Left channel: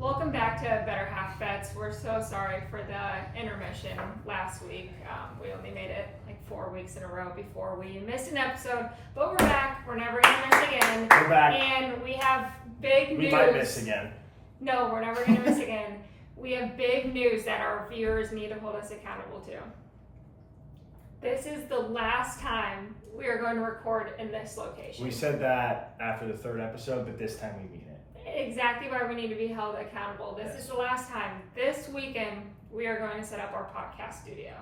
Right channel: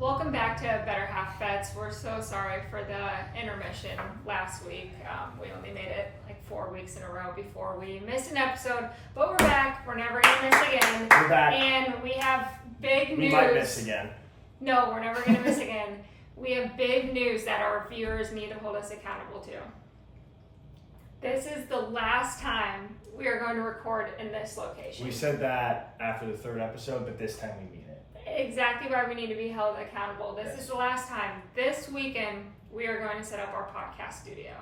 Welcome back to Better Half Bets. We're so sorry for the intermission last week. We only made it like 4 weeks in a row before we missed an episode, but we're back. We're never going to miss again. We're back. And we have big news. We might miss again. No, we're never going to miss again. We have big news that our viewers need to hold us accountable to. This is the last time we are going to record in this location. We said that after the third episode, but this time we mean it. Exactly why we need to be held accountable. This is the last time. This weekend, we are going to set up our podcast studio.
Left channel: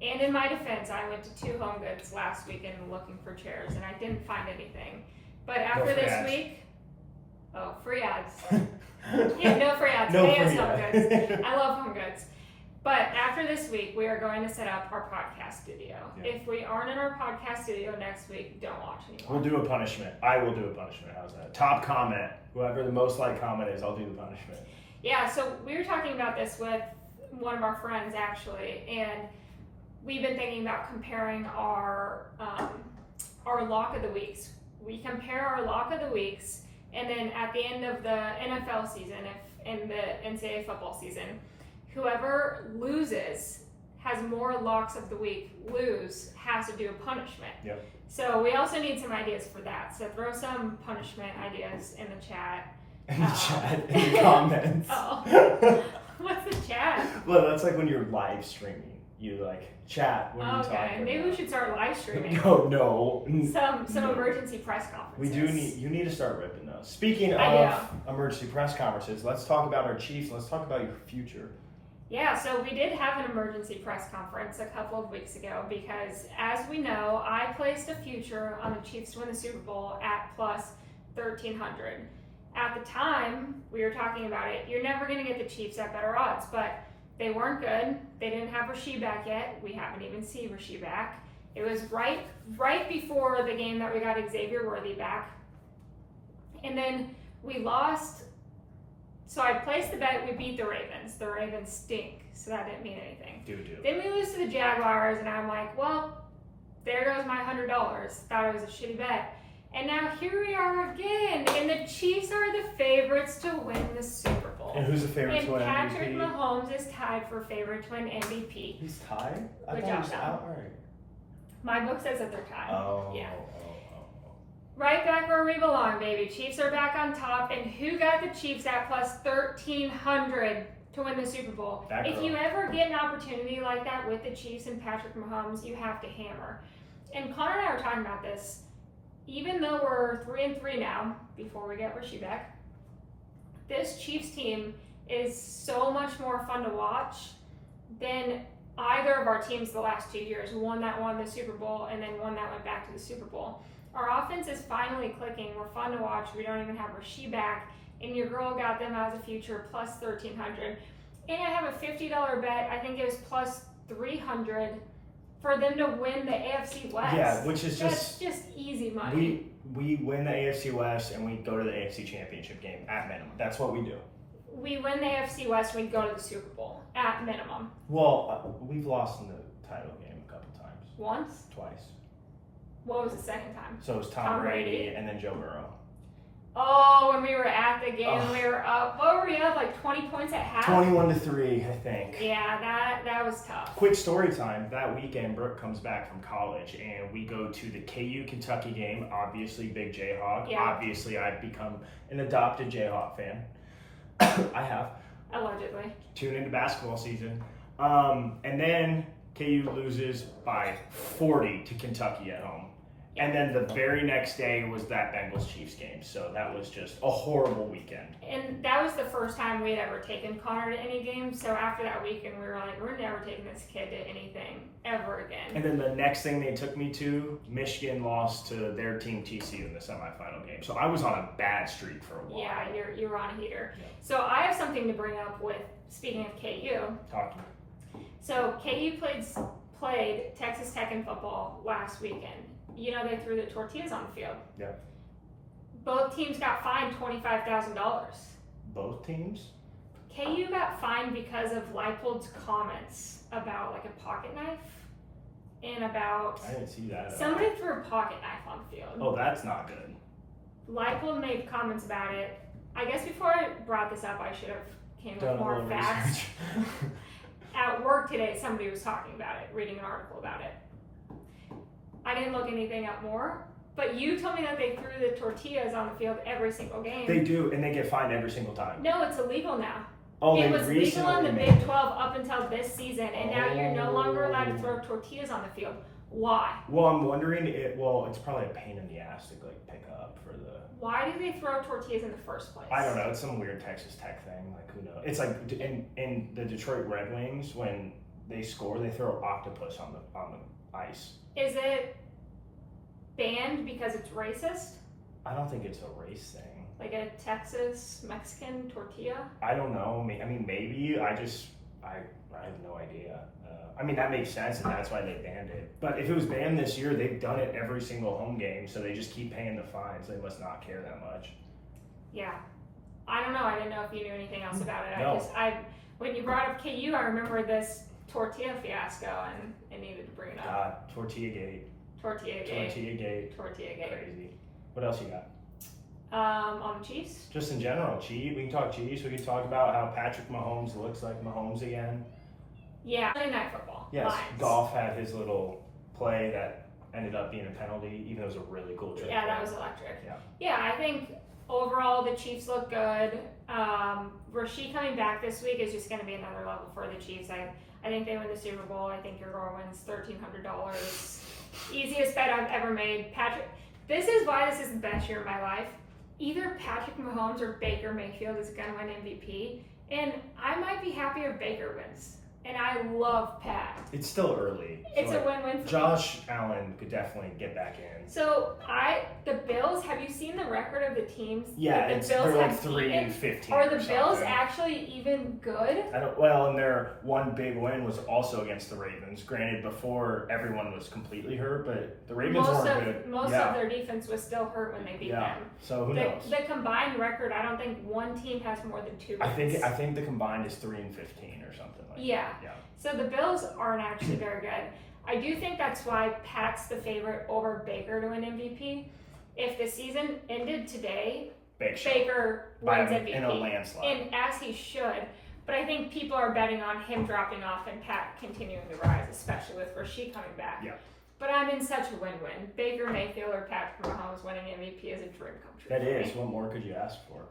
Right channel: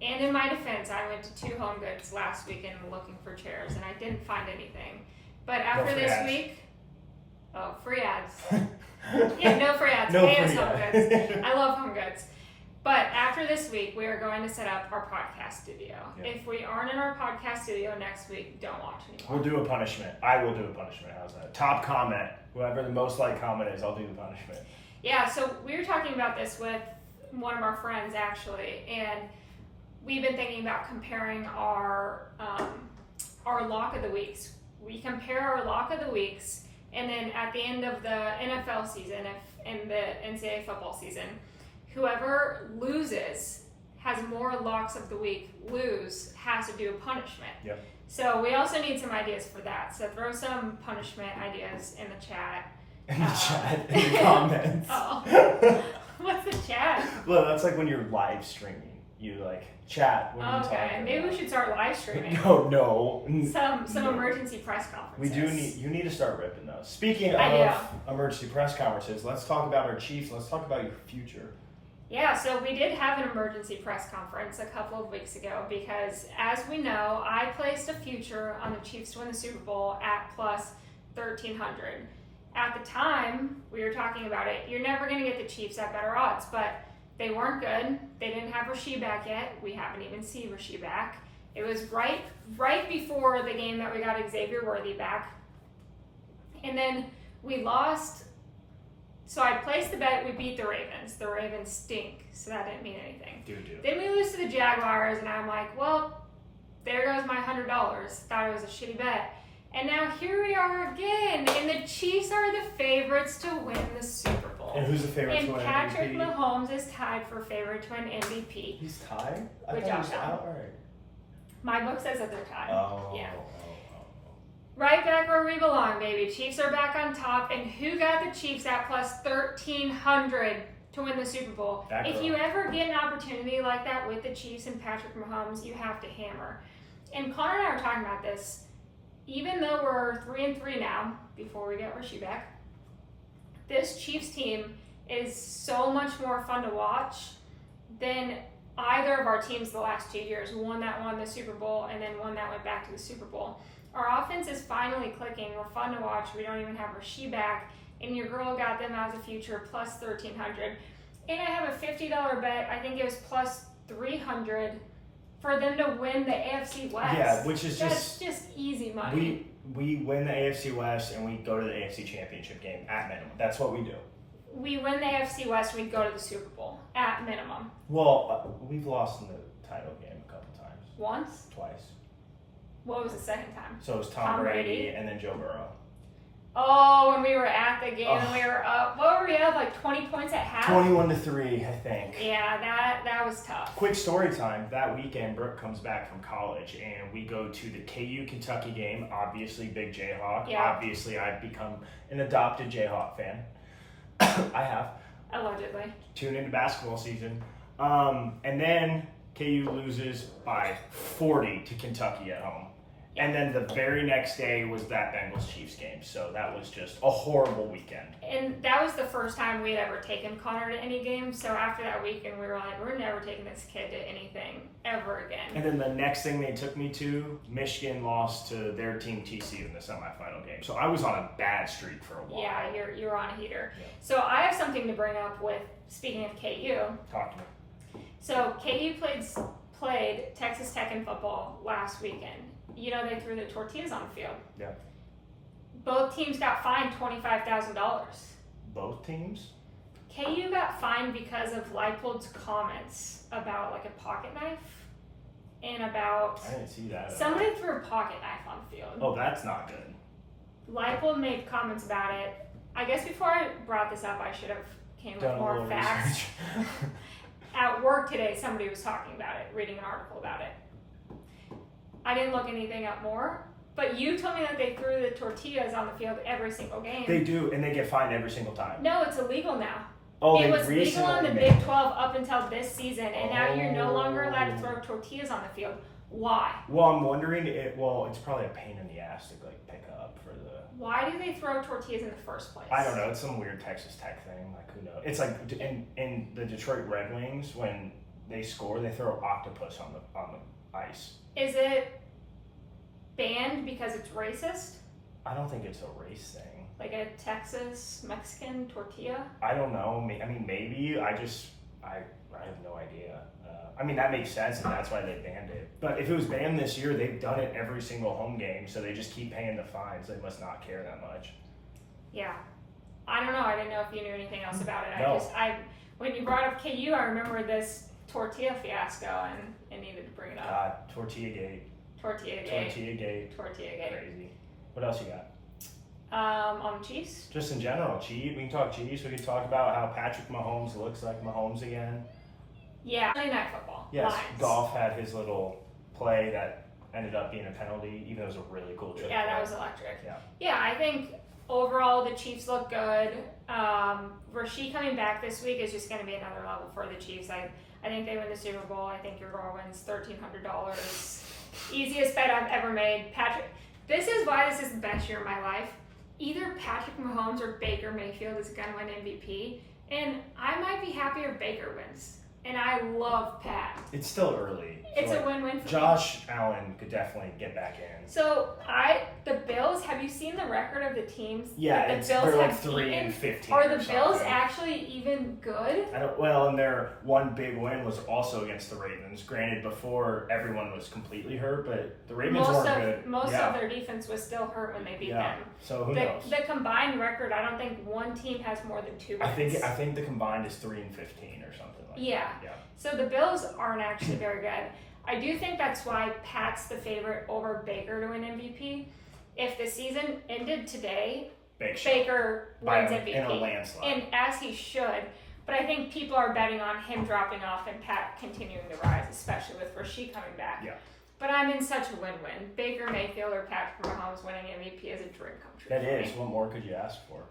And in my defense, I went to 2 Home Goods last weekend looking for chairs, and I didn't find anything. But after this week, free ads. Yeah, no free ads. No Pay free us Home ads. Goods. I love Home Goods. But after this week, we are going to set up our podcast studio. Yeah. If we aren't in our podcast studio next week, don't watch anymore. We'll do a punishment. I will do a punishment. How's that? Top comment. Whoever the most liked comment is, I'll do the punishment. Yeah, so we were talking about this with one of our friends, actually, and we've been thinking about comparing our lock of the weeks. We compare our lock of the weeks, and then at the end of the NFL season, in the NCAA football season, whoever loses has more locks of the week has to do a punishment. Yep. So we also need some ideas for that. So throw some punishment ideas in the chat. In the chat, in the comments. Oh. What's the chat? Well, that's like when you're live streaming. You like chat when you talk. Okay, maybe we should start live streaming. No. Some emergency press conferences. We do need, you need to start ripping those. Speaking of emergency press conferences, let's talk about our Chiefs. Let's talk about your future. Yeah, so we did have an emergency press conference a couple of weeks ago because, as we know, I placed a future on the Chiefs to win the Super Bowl at plus 1,300. At the time, we were talking about it, you're never going to get the Chiefs at better odds, but they weren't good. They didn't have Rasheed back yet. We haven't even seen Rasheed back. It was right before the game that we got Xavier Worthy back. And then we lost. So I placed the bet, we beat the Ravens. The Ravens stink, so that didn't mean anything. Then we lose to the Jaguars, and I'm like, well, there goes my $100. Thought it was a shitty bet. And now here we are again, and the Chiefs are the favorites to win the Super Bowl. And who's the favorite to win MVP? And Patrick Mahomes is tied for favorite to win MVP. He's tied? With Josh Allen. My book says that they're tied. Oh. Yeah. Right back where we belong, baby. Chiefs are back on top. And who got the Chiefs at plus 1,300 to win the Super Bowl? If you ever get an opportunity like that with the Chiefs and Patrick Mahomes, you have to hammer. And Connor and I were talking about this. Even though we're 3-3 now, before we get Rasheed back, this Chiefs team is so much more fun to watch than either of our teams the last 2 years. One that won the Super Bowl and then one that went back to the Super Bowl. Our offense is finally clicking. We're fun to watch. We don't even have Rasheed back. And your girl got them as a future plus 1,300. And I have a $50 bet. I think it was plus 300 for them to win the AFC West. Yeah, which is That's just easy money. We win the AFC West and we go to the AFC Championship game at minimum. That's what we do. We win the AFC West and we go to the Super Bowl at minimum. Well, we've lost in the title game a couple times. Once? Twice. What was the second time? So it was Tom Brady and then Joe Burrow. Oh, when we were at the game and we were up. What were we up? Like 20 points at half? 21-3, I think. Yeah, that was tough. Quick story time. That weekend, Brooke comes back from college and we go to the KU Kentucky game. Obviously, big Jayhawk. Yeah. Obviously, I've become an adopted Jayhawk fan. I have. Allegedly. Tune into basketball season. And then KU loses by 40 to Kentucky at home. And then the very next day was that Bengals-Chiefs game. So that was just a horrible weekend. And that was the first time we had ever taken Connor to any game. So after that weekend, we were like, we're never taking this kid to anything ever again. And then the next thing they took me to, Michigan lost to their team TCU in the semifinal game. So I was on a bad streak for a while. Yeah, you're on a heater. Yeah. So I have something to bring up with, speaking of KU. Talk to me. So KU played Texas Tech in football last weekend. You know, they threw the tortillas on the field. Yeah. Both teams got fined $25,000. Both teams? KU got fined because of Leipold's comments about like a pocket knife and about I didn't see that. Somebody threw a pocket knife on the field. Oh, that's not good. Leipold made comments about it I guess before I brought this up, I should have came Done with a more little facts. research. At work today, somebody was talking about it, reading an article about it. I didn't look anything up more, but you told me that they threw the tortillas on the field every single game. They do, and they get fined every single time. No, it's illegal now. Oh, it they was legal in the recently Big 12 up until this season, and now you're no longer allowed to throw tortillas on the field. Why? Well, I'm wondering. It's probably a pain in the ass to like pick up for the. Why do they throw tortillas in the first place? I don't know. It's some weird Texas Tech thing. Like who knows? It's like in the Detroit Red Wings when they score, they throw octopus on the ice. Is it banned because it's racist? I don't think it's a race thing. Like a Texas Mexican tortilla? I don't know. I mean, maybe. I have no idea. I mean, that makes sense, and that's why they banned it. But if it was banned this year, they've done it every single home game, so they just keep paying the fines. They must not care that much. Yeah. I don't know. I didn't know if you knew anything else about it. No. When you brought up KU, I remember this tortilla fiasco, and I needed to bring it up. God, Tortilla Gate. Tortilla Gate. Crazy. What else you got? On the Chiefs? Just in general, Chiefs. We can talk Chiefs. We can talk about how Patrick Mahomes looks like Mahomes again. Yeah. Monday Night Football. Yes, Lions. Goff had his little play that ended up being a penalty, even though it was a really cool trick. Yeah, that was electric. Yeah. Yeah, I think overall the Chiefs look good. Rasheed coming back this week is just going to be another level for the Chiefs. I think they win the Super Bowl. I think your girl wins $1,300. Easiest bet I've ever made. This is why this is the best year of my life. Either Patrick Mahomes or Baker Mayfield is going to win MVP, and I might be happier if Baker wins. And I love Pat. It's still early. It's a win-win for me. Josh Allen could definitely get back in. So the Bills. Have you seen the record of the teams? Yeah, that they're like 3-15. Are the Bills actually even good? And their one big win was also against the Ravens. Granted, before everyone was completely hurt, but the Ravens weren't good. Most of their defense was still hurt when they beat them. So who knows? The combined record, I don't think one team has more than 2 wins. I think the combined is 3-15 or something like that. Yeah. So the Bills aren't actually very good. I do think that's why Pat's the favorite over Baker to win MVP. If the season ended today, Baker wins MVP. In a landslide. And as he should. But I think people are betting on him dropping off and Pat continuing to rise, especially with Rasheed coming back. Yeah. But I'm in such a win-win. Baker Mayfield or Patrick Mahomes winning MVP is a dream come true. That is. What more could you ask for?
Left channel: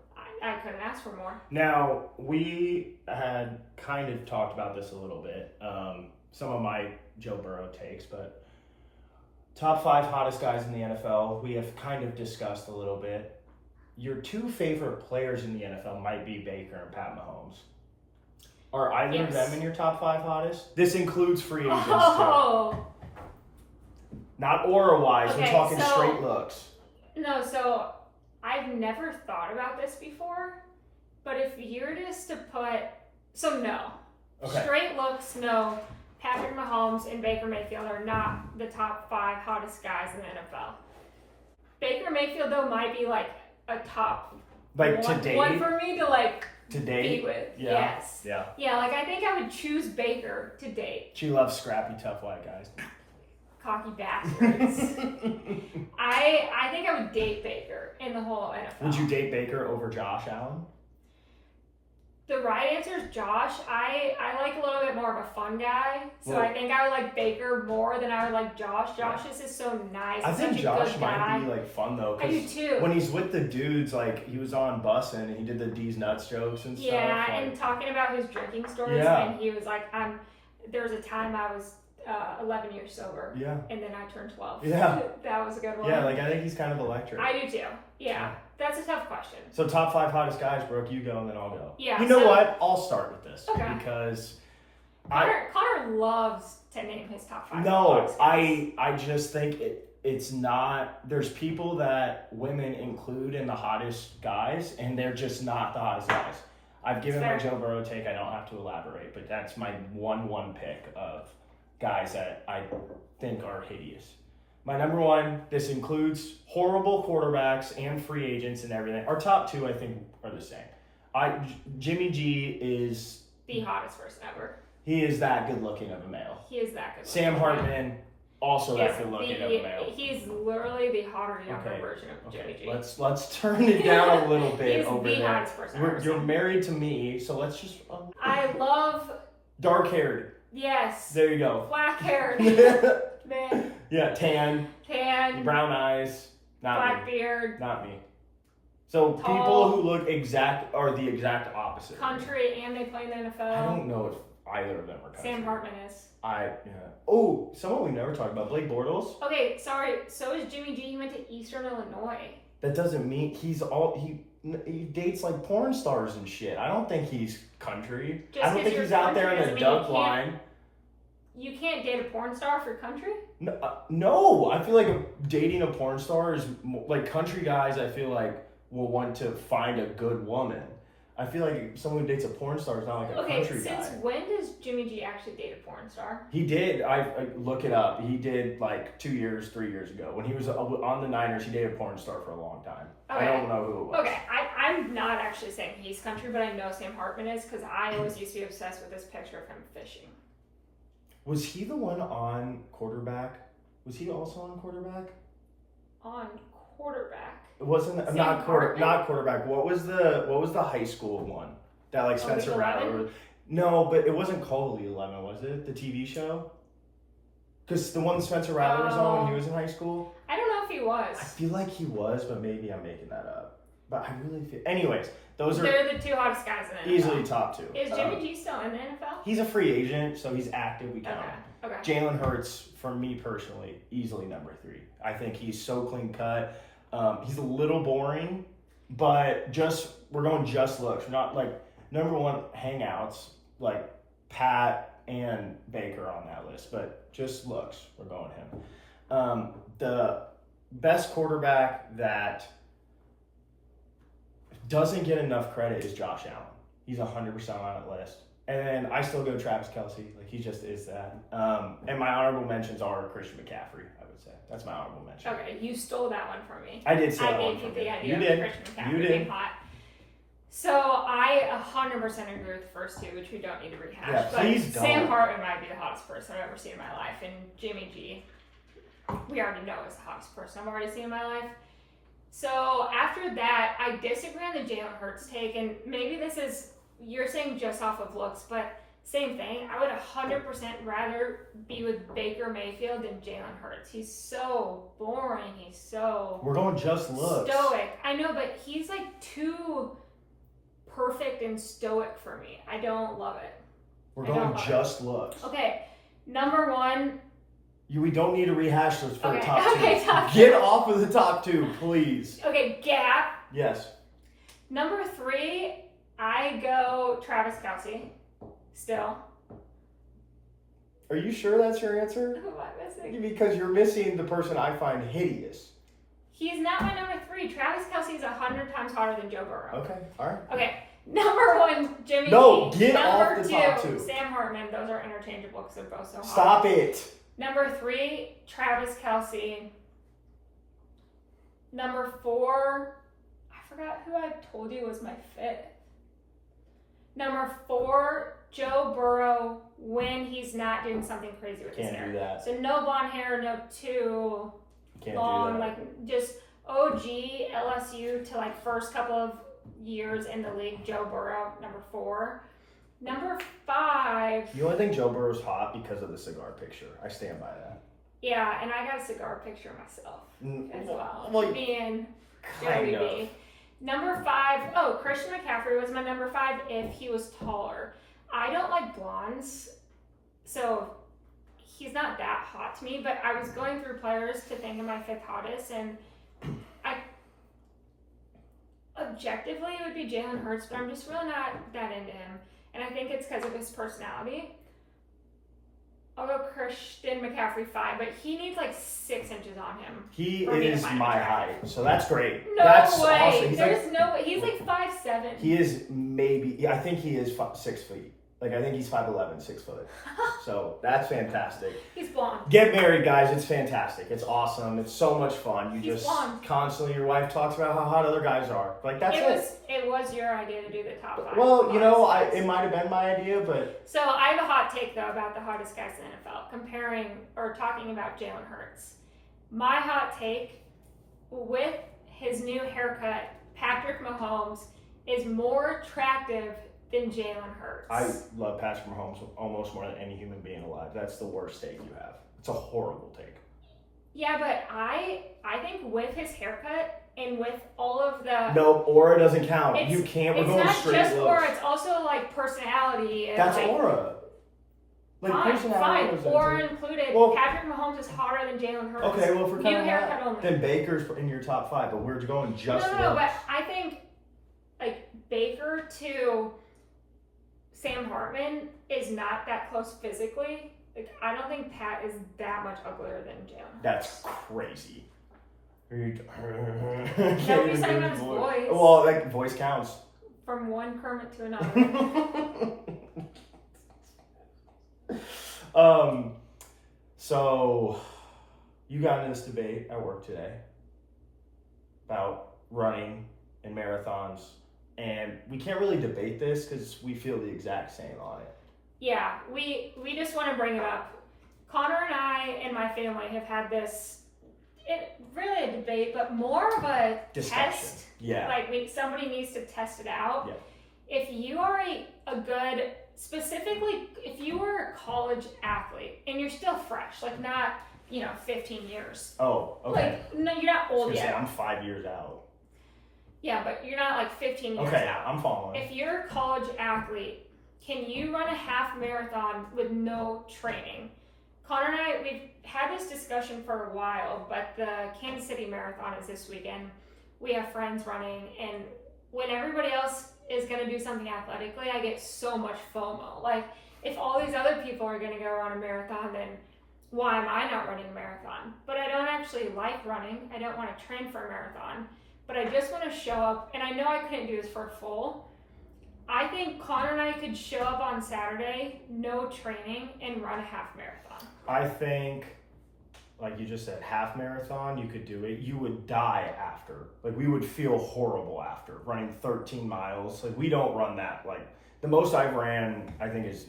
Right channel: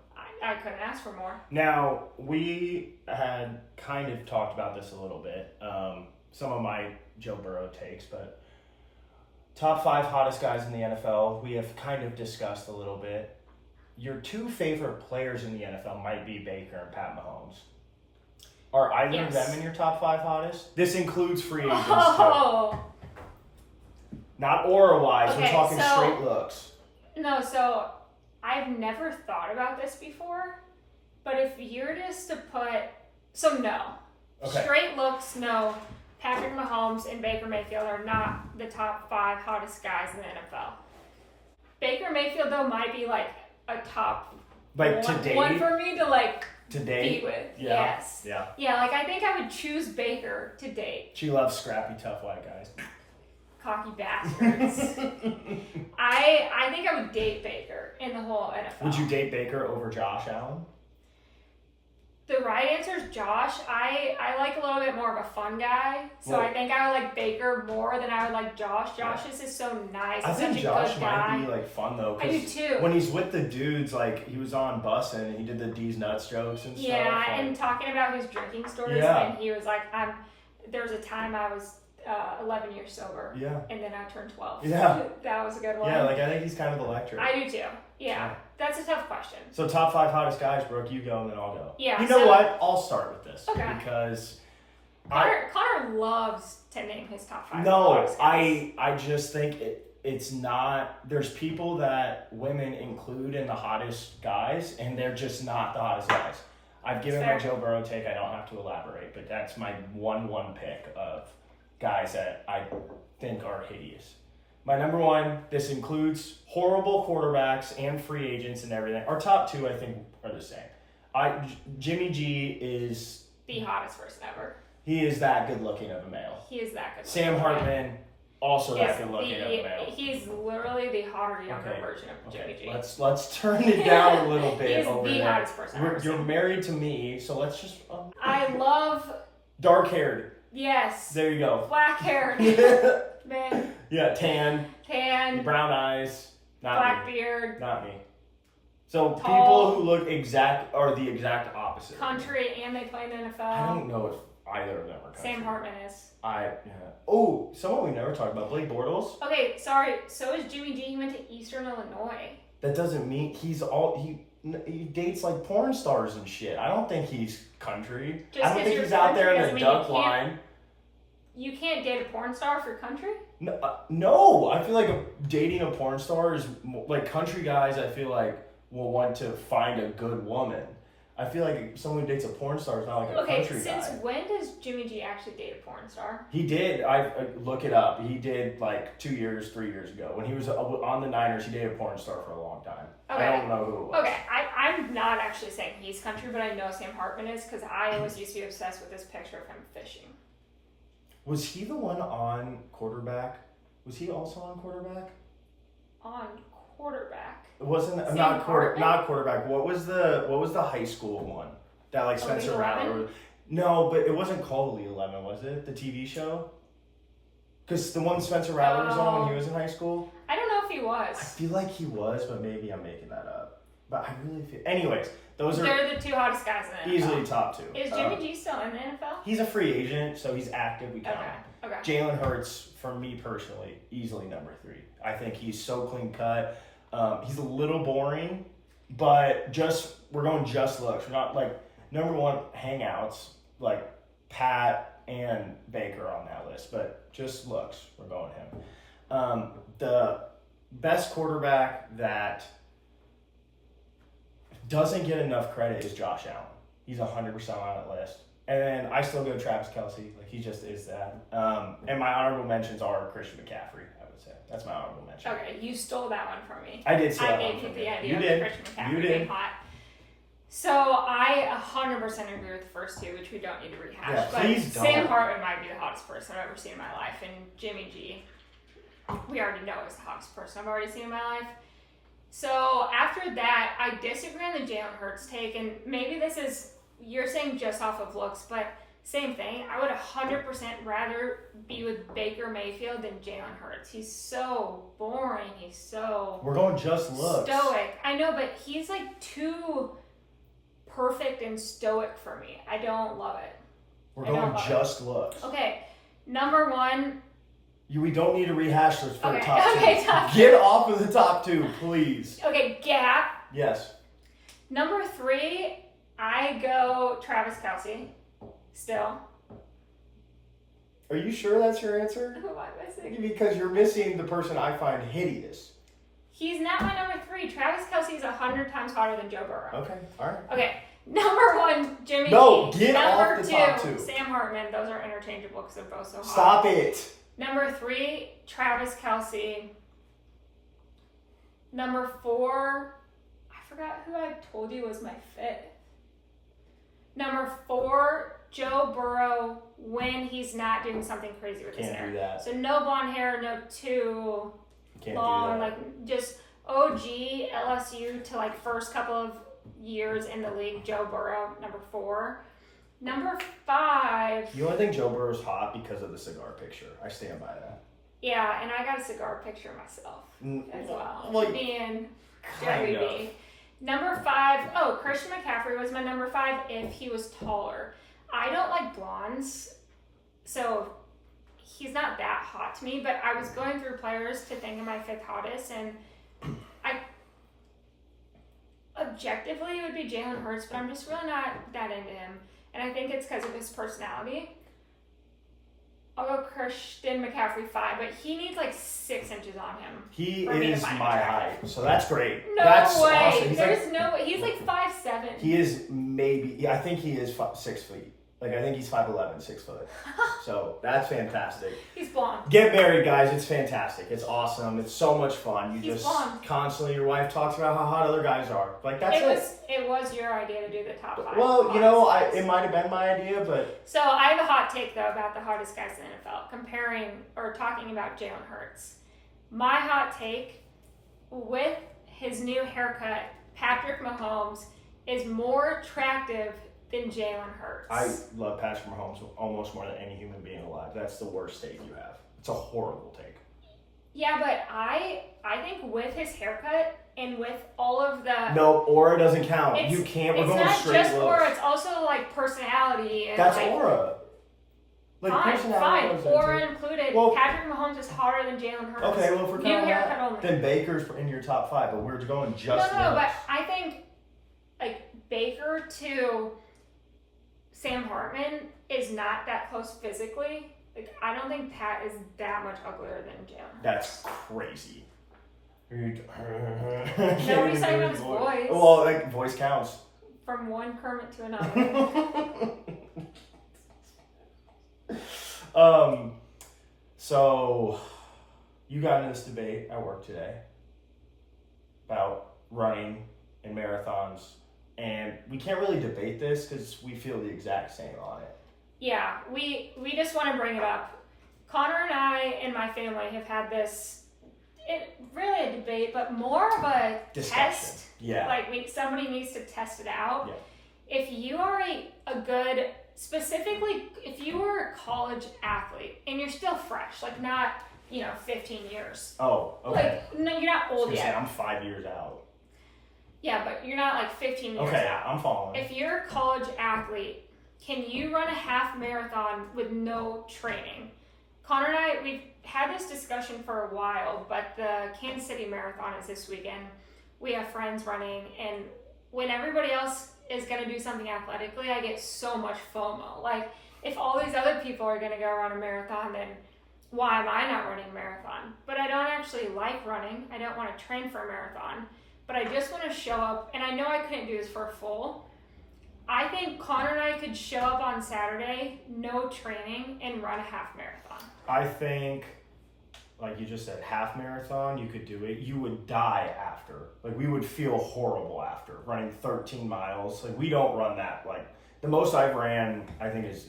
I couldn't ask for more. Now, we had kind of talked about this a little bit. Some of my Joe Burrow takes, but top 5 hottest guys in the NFL, we have kind of discussed a little bit. Your 2 favorite players in the NFL might be Baker and Pat Mahomes. Are either of them in your top 5 hottest? This includes free agents too. Not aura-wise, we're talking straight looks. No, so I've never thought about this before, but if you're just to put, no. Okay. Straight looks, no. Patrick Mahomes and Baker Mayfield are not the top 5 hottest guys in the NFL. Baker Mayfield, though, might be like a top one for me to be with. Yeah. Yes. Yeah. Yeah, I think I would choose Baker to date. She loves scrappy, tough white guys. Cocky bastards. I think I would date Baker in the whole NFL. Would you date Baker over Josh Allen? The right answer is Josh. I like a little bit more of a fun guy, so I think I would like Baker more than I would like Josh. Josh is just so nice. I think Josh might be fun though. I do too. When he's with the dudes, he was on Bussin' and he did the D's nuts jokes and stuff. Yeah, and talking about his drinking stories, and he was like, there was a time I was 11 years sober. Yeah. And then I turned 12. Yeah. That was a good one. Yeah, I think he's kind of electric. I do too. Yeah. That's a tough question. So top 5 hottest guys, Brooke, you go and then I'll go. Yeah. You know what? I'll start with this. Okay. Because Connor loves to name his top 5. No, I just think it's not, there's people that women include in the hottest guys and they're just not the hottest guys. I've given my Joe Burrow take, I don't have to elaborate, but that's my 1 pick of guys that I think are hideous. My number 1, this includes horrible quarterbacks and free agents and everything. Our top 2, I think, are the same. Jimmy G is the hottest person ever. He is that good looking of a male. He is that good. Sam Hartman, also that good looking of a male. He's literally the hotter, younger version of Jimmy G. Let's turn it down a little bit He's over the there. hottest person I've ever You're seen. married to me, so let's just. I love. Dark haired. Yes. There you go. Black haired. Man. Yeah, tan. Brown eyes. Not black me. beard. Not me. So tall, people who look are the exact opposite. Country, and they play in the NFL. I don't know if either of them are country. Sam Hartman is. Oh, someone we never talked about, Blake Bortles. Okay, sorry. So is Jimmy G. He went to Eastern Illinois. That doesn't mean he dates like porn stars and shit. I don't think he's country. Just I don't think he's out there in the duck line. You can't date a porn star for country? No, I feel like dating a porn star is like country guys. I feel like will want to find a good woman. I feel like someone who dates a porn star is not like a country guy. Since when does Jimmy G actually date a porn star? He did. I look it up. He did like 2 years, 3 years ago when he was on the Niners. He dated a porn star for a long time. Okay. I don't know who it was. Okay, I'm not actually saying he's country, but I know Sam Hartman is because I always used to be obsessed with this picture of him fishing. Was he the one on quarterback? Was he also on quarterback? On quarterback. It wasn't Sam not Hartman? quarterback. What was the high school one that like Spencer Elite Rattler? 11? No, but it wasn't called Elite 11, was it? The TV show? Because the one Spencer Rattler was on when he was in high school. I don't know if he was. I feel like he was, but maybe I'm making that up. But I really feel. Anyways, they're the two hottest guys in the NFL. easily top two. Is Jimmy G still in the NFL? He's a free agent, so he's active. We count him. Okay. Jalen Hurts, for me personally, easily number 3. I think he's so clean cut. He's a little boring, but we're going just looks. We're not like number 1 hangouts like Pat and Baker on that list, but just looks. We're going him. The best quarterback that doesn't get enough credit is Josh Allen. He's 100% on that list. And then I still go Travis Kelce. Like, he just is that. And my honorable mentions are Christian McCaffrey, I would say. That's my honorable mention. Okay, you stole that one from me. I did steal that one gave you from the you. idea You did. of Christian McCaffrey You did. being hot. So I 100% agree with the first two, which we don't need to rehash. Yeah, but please don't. Sam Hartman might be the hottest person I've ever seen in my life, and Jimmy G, we already know is the hottest person I've already seen in my life. So after that, I disagree on the Jalen Hurts take, and maybe this is, you're saying just off of looks, but same thing. I would 100% rather be with Baker Mayfield than Jalen Hurts. He's so boring. He's so We're going just looks. stoic. I know, but he's like too perfect and stoic for me. I don't love it. We're going just looks. Okay, number 1. We don't need to rehash those for the top 2. Okay, top 2. Get off of the top 2, please. Okay, Gap. Yes. Number 3, I go Travis Kelce. Still. Are you sure that's your answer? Who am I missing? Because you're missing the person I find hideous. He's not my number 3. Travis Kelce is 100 times hotter than Joe Burrow. Okay, all right. Okay, number 1, Jimmy No, G. get number off the 2, top 2. Sam Hartman. Those are interchangeable because they're both so hot. Stop it. Number 3, Travis Kelce. Number 4, I forgot who I told you was my 5th. Number 4, Joe Burrow when he's not doing something crazy with his hair. Can't do that. So no blonde hair, no too Can't long, do that. like just OG LSU to like first couple of years in the league. Joe Burrow, number 4. Number 5. You only think Joe Burrow's hot because of the cigar picture. I stand by that. Yeah, and I got a cigar picture myself as well. Well, being kind Joey of. B. Number 5. Christian McCaffrey was my number 5 if he was taller. I don't like blondes, so he's not that hot to me, but I was going through players to think of my 5th hottest, and objectively it would be Jalen Hurts, but I'm just really not that into him, and I think it's because of his personality. I'll go Christian McCaffrey 5, but he needs like 6 inches on him. He for me to is find my attractive. height, so that's great. No that's way. awesome. There's no way. He's like 5'7". He is maybe. I think he is 6 feet. Like, I think he's 5'11", 6 foot. So that's fantastic. He's blonde. Get married, guys. It's fantastic. It's awesome. It's so much fun. He's just blonde. constantly, your wife talks about how hot other guys are. Like, that's it. It was your idea to do the top 5. Well, it might have been my idea, but. So I have a hot take, though, about the hottest guys in the NFL, comparing or talking about Jalen Hurts. My hot take, with his new haircut, Patrick Mahomes is more attractive than Jalen Hurts. I love Patrick Mahomes almost more than any human being alive. That's the worst take you have. It's a horrible take. Yeah, but I think with his haircut and with all of the... No, aura doesn't count. You can't. We're going straight It's not just looks. aura. It's also, like, personality. And That's like, aura. Like, personality. Fine. Aura included. Well, Patrick Mahomes is hotter than Jalen Hurts. Okay, well, if we're New counting haircut that, only. then Baker's in your top 5, but we're going just No, looks. but I think, like, Baker to Sam Hartman is not that close physically. Like, I don't think Pat is that much uglier than Jalen. That's crazy. Nobody's talking about his voice. Well, like, voice counts. From one Kermit to another. So you got into this debate at work today about running and marathons, and we can't really debate this because we feel the exact same on it. Yeah, we just want to bring it up. Connor and I and my family have had this, really a debate, but more of a Discussion. test. Yeah. Like somebody needs to test it out. Yeah. If you are a good, specifically, if you were a college athlete and you're still fresh, like not, 15 years. Oh, okay. Like, no, you're not old yet. I'm 5 years out. Yeah, but you're not like 15 years Okay, out. I'm following. If you're a college athlete, can you run a half marathon with no training? Connor and I, we've had this discussion for a while, but the Kansas City Marathon is this weekend. We have friends running, and when everybody else is going to do something athletically, I get so much FOMO. Like, if all these other people are going to go run a marathon, then why am I not running a marathon? But I don't actually like running. I don't want to train for a marathon. But I just want to show up, and I know I couldn't do this for a full. I think Connor and I could show up on Saturday, no training, and run a half marathon. I think, like you just said, half marathon, you could do it. You would die after. Like, we would feel horrible after running 13 miles. Like, we don't run that. Like, the most I've ran, I think, is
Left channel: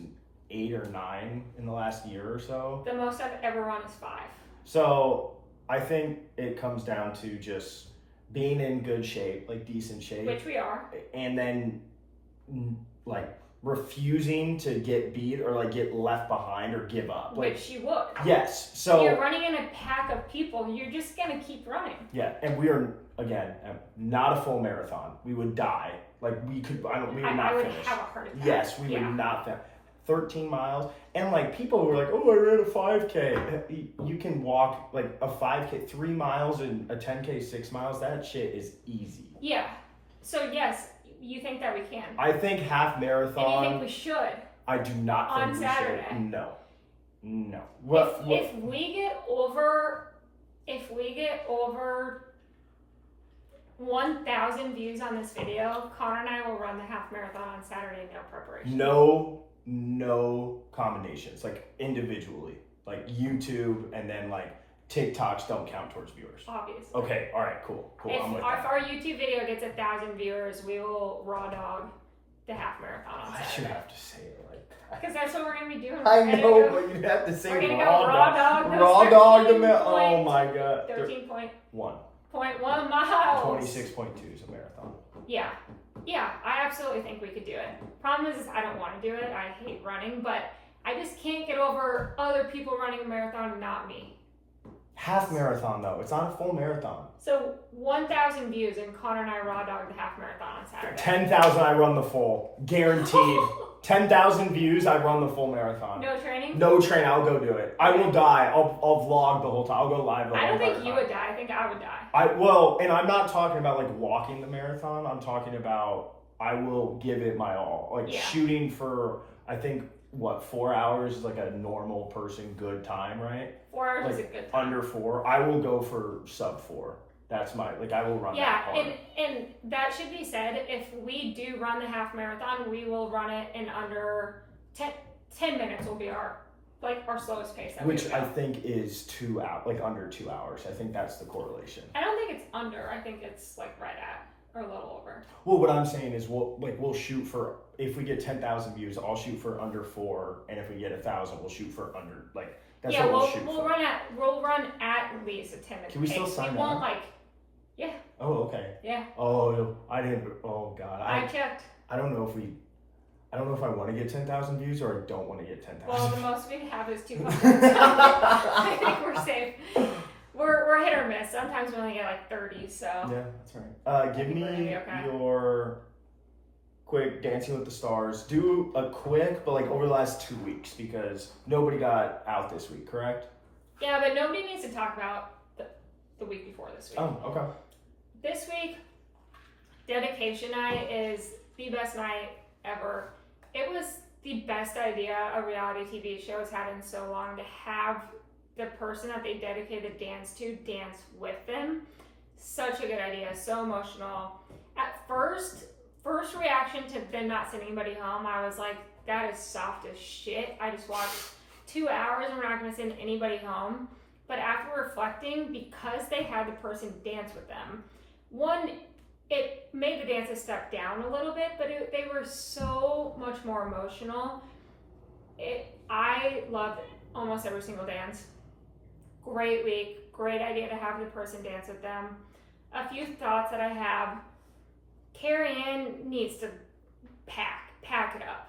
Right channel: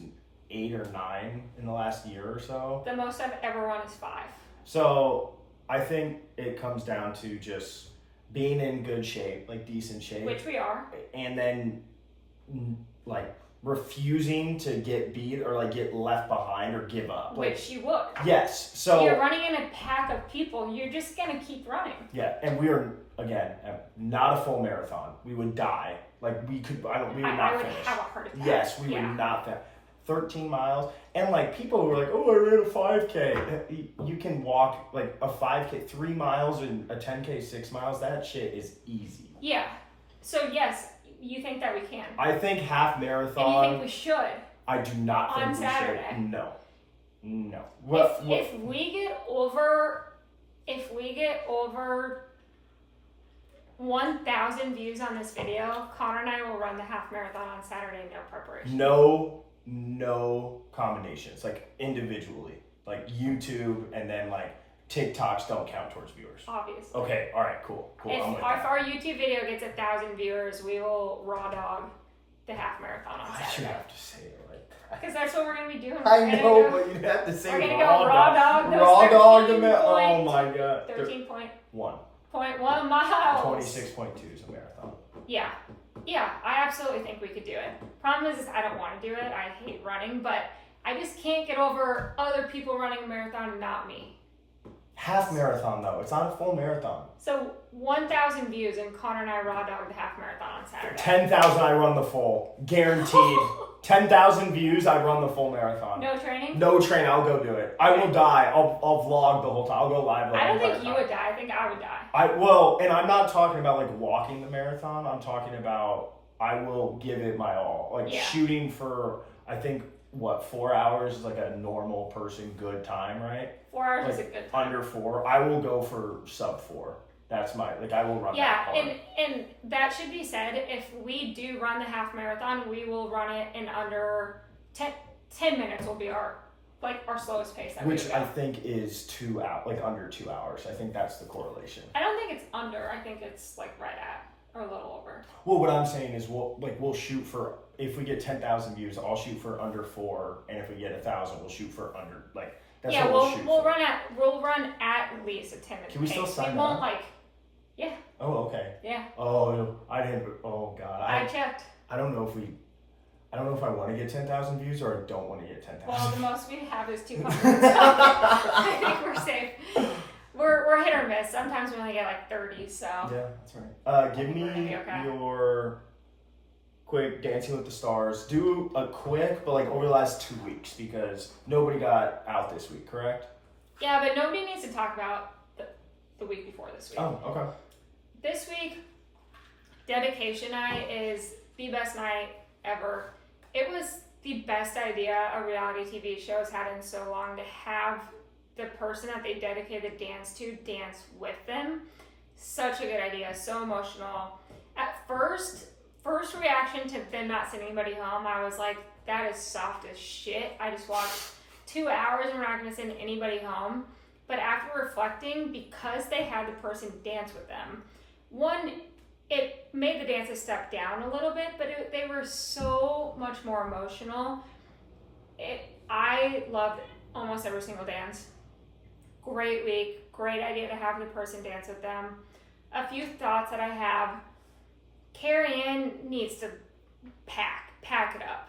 8 or 9 in the last year or so. The most I've ever run is 5. So I think it comes down to just being in good shape, like decent shape. Which we are. And then, like, refusing to get beat or, like, get left behind or give up. Like, Which you would. Yes. So you're running in a pack of people. You're just going to keep running. Yeah, and we are, again, not a full marathon. We would die. Like, we would not would finish. have a heart attack. Yes, we would not finish. 13 miles. And, like, people were like, oh, I ran a 5K. You can walk, like, a 5K, 3 miles, and a 10K, 6 miles. That shit is easy. Yeah. So, yes, you think that we can. I think half marathon. And you think we should. I do not think on we Saturday. should. No. If we get over 1,000 views on this video, Connor and I will run the half marathon on Saturday, no preparation. No combinations, like individually, like YouTube, and then like TikToks don't count towards viewers. Obviously. Okay, all right, cool. If I'm with that. our YouTube video gets 1,000 viewers, we will raw dog the half marathon on Why Saturday. should you have to say it like that? Because that's what we're going to be doing. I know, but you'd have to say we're gonna raw go raw dog. Raw dog the Oh my god. 13.1 miles. 26.2 is a marathon. Yeah, I absolutely think we could do it. Problem is I don't want to do it. I hate running, but I just can't get over other people running a marathon and not me. Half marathon though. It's not a full marathon. So 1,000 views and Connor and I raw dog the half marathon on Saturday. 10,000 I run the full. Guaranteed. 10,000 views, I run the full marathon. No training? No training, I'll go do it. I will die. I'll vlog the whole time. I'll go live the whole time. I don't think you would die. I think I would die. And I'm not talking about like walking the marathon. I'm talking about I will give it my all. Like shooting for, I think, 4 hours is like a normal person good time, right? 4 hours like is a good time. Under 4. I will go for sub 4. That's I will run that hard. And that should be said. If we do run the half marathon, we will run it in under 10 minutes will be our slowest pace. Which I think is 2 hours, like under 2 hours. I think that's the correlation. I don't think it's under. I think it's like right at or a little over. Well, what I'm saying is we'll shoot for, if we get 10,000 views, I'll shoot for under 4, and if we get 1,000, we'll shoot for under, like, that's what we'll shoot for. We'll run at least a 10-minute pace. Can we still sign up? We won't yeah. Oh, okay. Yeah. Oh, I didn't. Oh God. I checked. I don't know if I want to get 10,000 views or I don't want to get 10,000. Well, the most we have is 200. So I think we're safe. We're hit or miss. Sometimes we only get like 30. So yeah, that's right. Give me your quick Dancing with the Stars. Do a quick, but like over the last 2 weeks because nobody got out this week, correct? Yeah, but nobody needs to talk about the week before this week. Oh, okay. This week, dedication night is the best night ever. It was the best idea a reality TV show has had in so long, to have the person that they dedicated the dance to dance with them. Such a good idea, so emotional. At first reaction to them not sending anybody home, I was like, that is soft as shit. I just watched 2 hours and we're not going to send anybody home. But after reflecting, because they had the person dance with them, one, it made the dances step down a little bit, but they were so much more emotional. I loved almost every single dance. Great week, great idea to have the person dance with them. A few thoughts that I have. Carrie Ann needs to pack it up.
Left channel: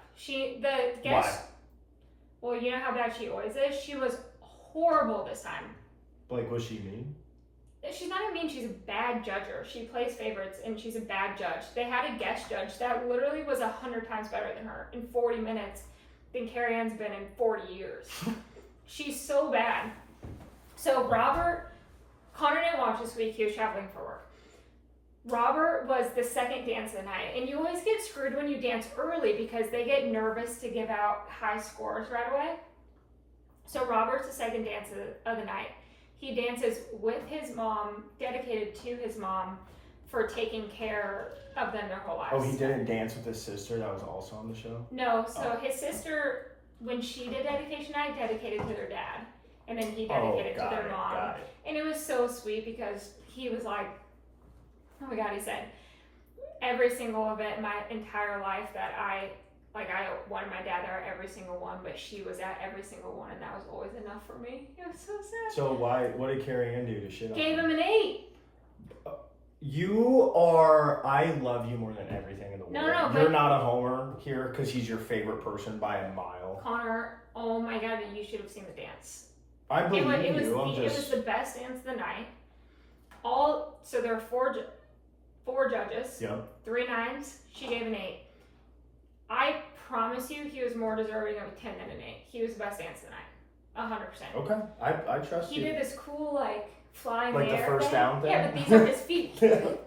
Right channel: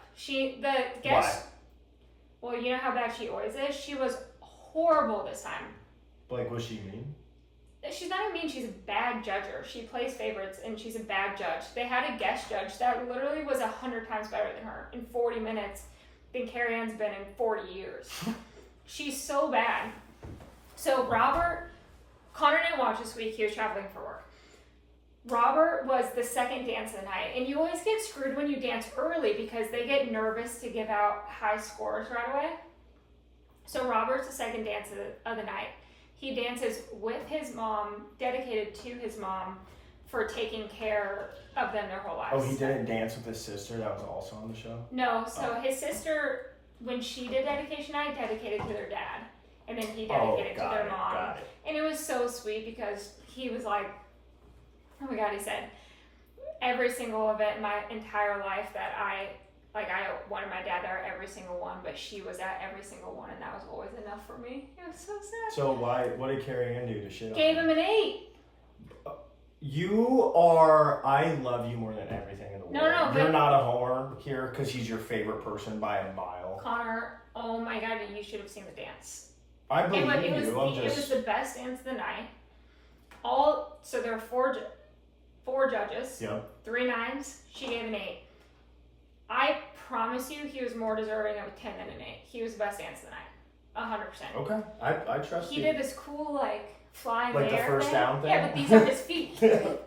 Why? Well, you know how bad she always is? She was horrible this time. Like, was she mean? She's not even mean, she's a bad judger. She plays favorites and she's a bad judge. They had a guest judge that literally was 100 times better than her in 40 minutes than Carrie Ann's been in 40 years. She's so bad. So Connor didn't watch this week, he was traveling for work. Robert was the second dance of the night, and you always get screwed when you dance early because they get nervous to give out high scores right away. So Robert's the second dance of the night. He dances with his mom, dedicated to his mom for taking care of them their whole lives. Oh, he didn't dance with his sister that was also on the show? No, so his sister, when she did dedication night, dedicated to their dad. And then he dedicated to their mom. Got it. And it was so sweet because he was like, oh my God, he said, every single event in my entire life that I wanted my dad there every single one, but she was at every single one, and that was always enough for me. It was so sad. So what did Carrie Ann do to shit on Gave him an 8. I love you more than everything in the world. No, you're not a homer here because he's your favorite person by a mile. Connor, oh my God, you should have seen the dance. I believe It you. was the best dance of the night. So there are four judges. Yep. 3 9s. She gave an 8. I promise you, he was more deserving of a 10 than an 8. He was the best dance of the night, 100%. Okay, I trust you. He did this cool fly in the the air first thing. down thing. Yeah, but these are his feet.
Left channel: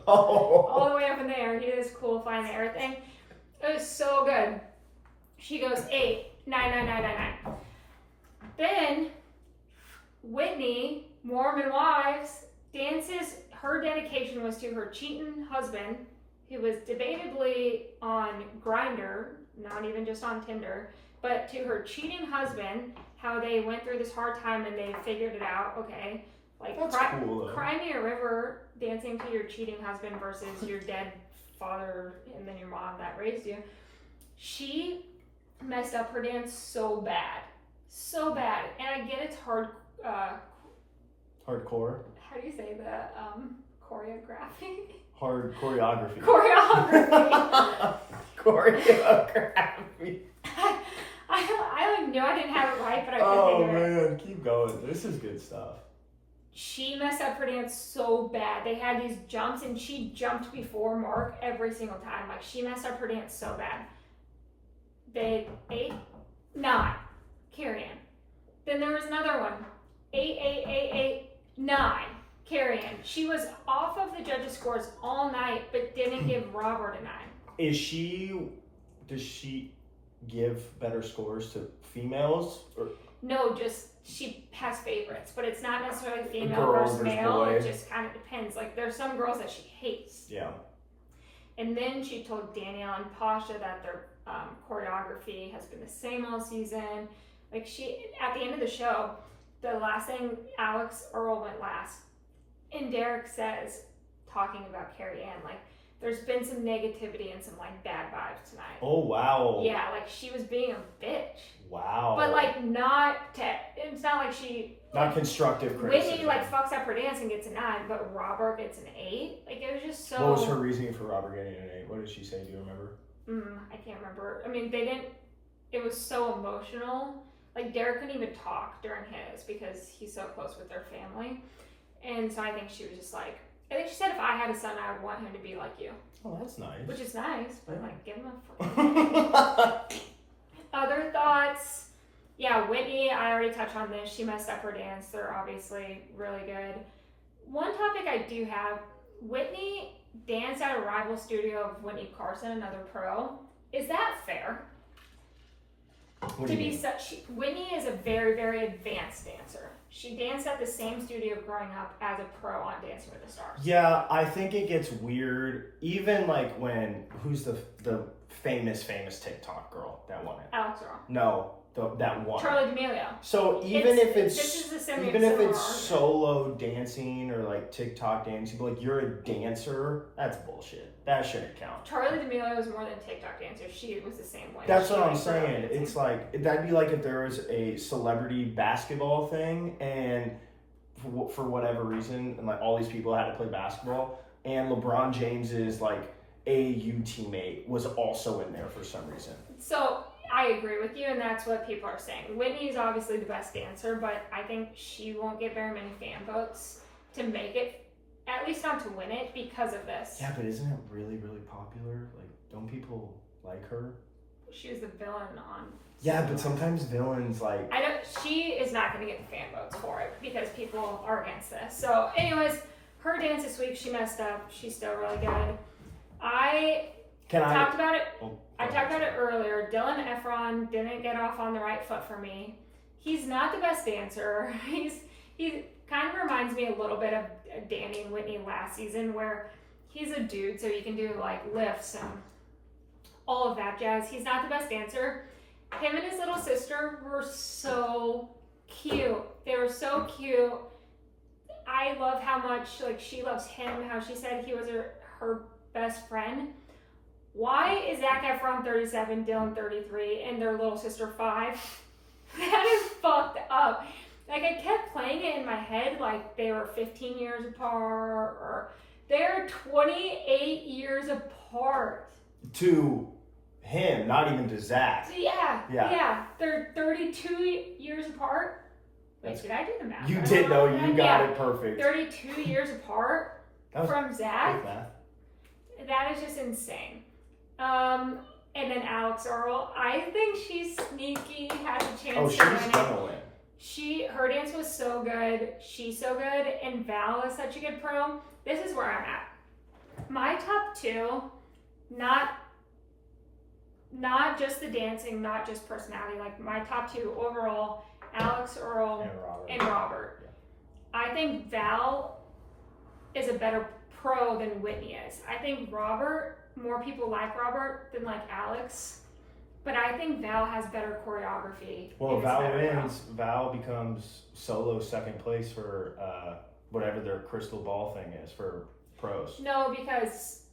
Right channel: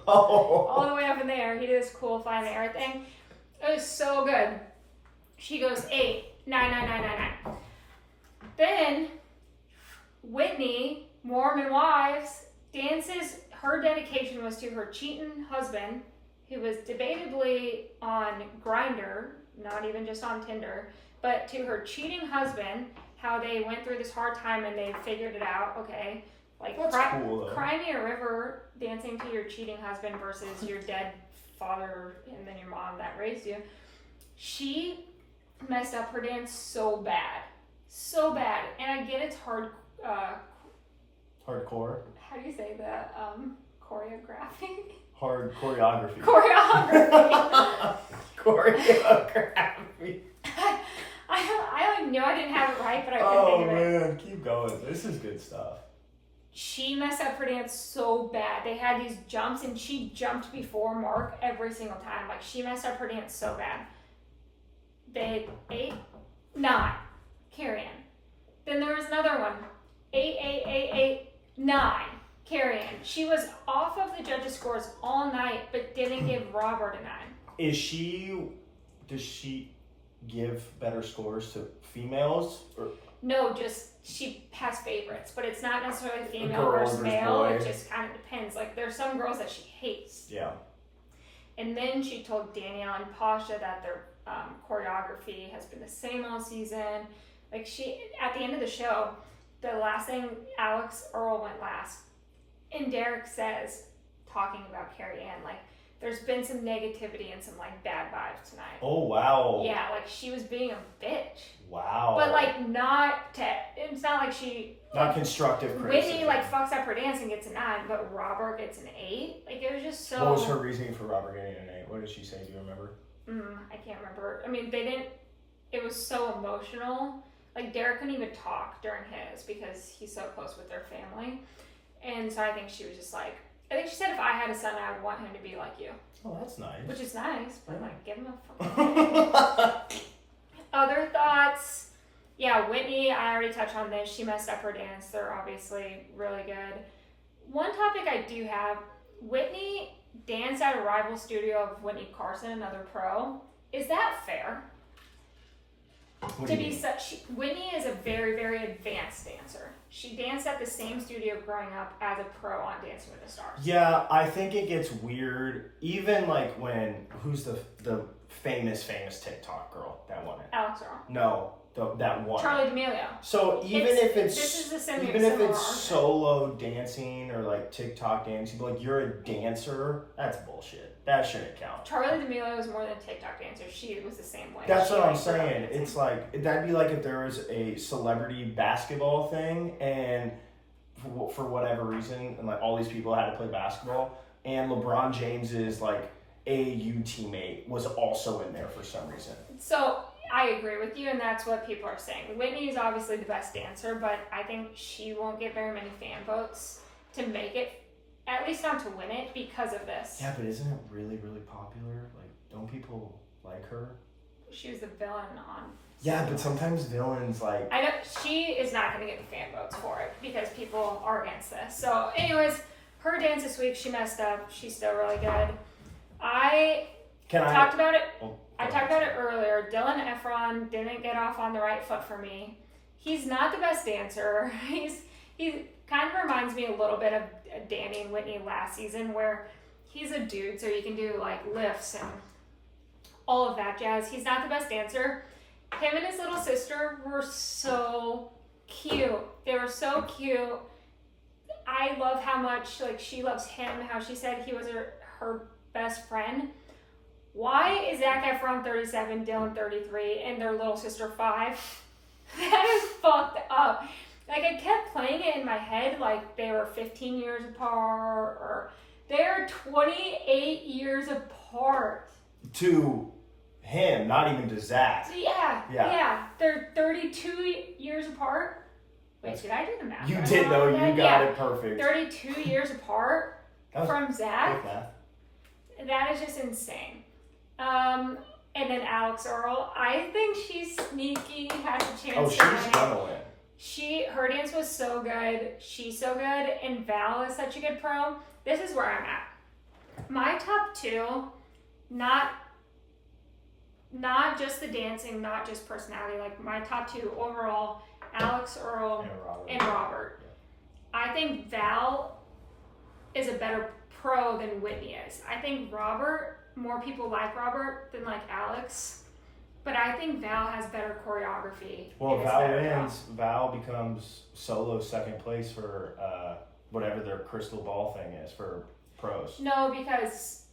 Oh. All the way up in the air. He did this cool fly in the air thing. It was so good. She goes 8, 9, 9, 9, 9, 9. Then Whitney, Mormon Wives, dances. Her dedication was to her cheating husband, who was debatably on Grindr, not even just on Tinder, but to her cheating husband, how they went through this hard time and they figured it out. Okay, That's cool, though. Cry me a river, dancing to your cheating husband versus your dead father and then your mom that raised you. She messed up her dance so bad, and I get it's hard. Hardcore. How do you say the choreography? Hard choreography. Choreography. I knew I didn't have it right, but I couldn't think of it. Oh man, keep going. This is good stuff. She messed up her dance so bad. They had these jumps, and she jumped before Mark every single time. She messed up her dance so bad. They 8, 9, Carrie Ann. Then there was another one. 8, 8, 8, 8, 9. Carrie Ann. She was off of the judges' scores all night, but didn't give Robert a 9. Does she give better scores to females? Or? No, just she has favorites, but it's not necessarily female Girl versus versus male. boy. It just kind of depends. There's some girls that she hates. Yeah. And then she told Danielle and Pasha that they're choreography has been the same all season. Like at the end of the show, the last thing, Alex Earl went last. And Derek says, talking about Carrie Ann, like, there's been some negativity and some, like, bad vibes tonight. Oh, wow. Yeah, like, she was being a bitch. Wow. But, like, it's not like she... Not constructive criticism. Whitney, like, fucks up her dance and gets a 9, but Robert gets an 8. Like, it was just so... What was her reasoning for Robert getting an 8? What did she say? Do you remember? I can't remember. I mean, they didn't... It was so emotional. Like, Derek couldn't even talk during his because he's so close with their family. And so I think she was just like... I think she said if I had a son, I would want him to be like you. Oh, that's nice. Which is nice, but like, give him a fucking... Other thoughts? Yeah, Whitney, I already touched on this. She messed up her dance. They're obviously really good. One topic I do have, Whitney danced at a rival studio of Whitney Carson, another pro. Is that fair? What do you mean? Whitney is a very, very advanced dancer. She danced at the same studio growing up as a pro on Dancing with the Stars. Yeah, I think it gets weird. Even like who's the famous TikTok girl that won it? Alex Earl. No, that one. Charli D'Amelio. So even if it's argument. solo dancing or like TikTok dancing, but like you're a dancer, that's bullshit. That shouldn't count. Charli D'Amelio was more than a TikTok dancer. She was the same way. That's what I'm saying. It's like, that'd be like if there was a celebrity basketball thing and for whatever reason, and like all these people had to play basketball, and LeBron James's like AAU teammate was also in there for some reason. So I agree with you, and that's what people are saying. Whitney is obviously the best dancer, but I think she won't get very many fan votes to make it, at least not to win it, because of this. Yeah, but isn't it really, really popular? Like, don't people like her? She was the villain on... Yeah, but sometimes villains, like... I know, she is not going to get the fan votes for it, because people are against this. So, anyways, her dance this week, she messed up. She's still really good. I talked about it earlier. Dylan Efron didn't get off on the right foot for me. He's not the best dancer. He kind of reminds me a little bit of Danny and Whitney last season, where he's a dude, so you can do like lifts and all of that jazz. He's not the best dancer. Him and his little sister were so cute. They were so cute. I love how much like she loves him, how she said he was her best friend. Why is Zac Efron 37, Dylan 33, and their little sister 5? That is fucked up. Like, I kept playing it in my head like they were 15 years apart, or they're 28 years apart. To him, not even to Zach. Yeah. They're 32 years apart. Wait, did I do the math? You did, though. You got it perfect. 32 years apart from Zach. That is just insane. And then Alex Earl, I think she's sneaky, has a chance to win. Oh, she's gonna win. Her dance was so good. She's so good, and Val is such a good pro. This is where I'm at. My top 2, not just the dancing, not just personality. Like my top 2 overall, Alex Earl and Robert. Yeah. I think Val is a better pro than Whitney is. I think more people like Robert than like Alex, but I think Val has better choreography. Well, Val wins. Val becomes solo second place for whatever their crystal ball thing is for pros. No, because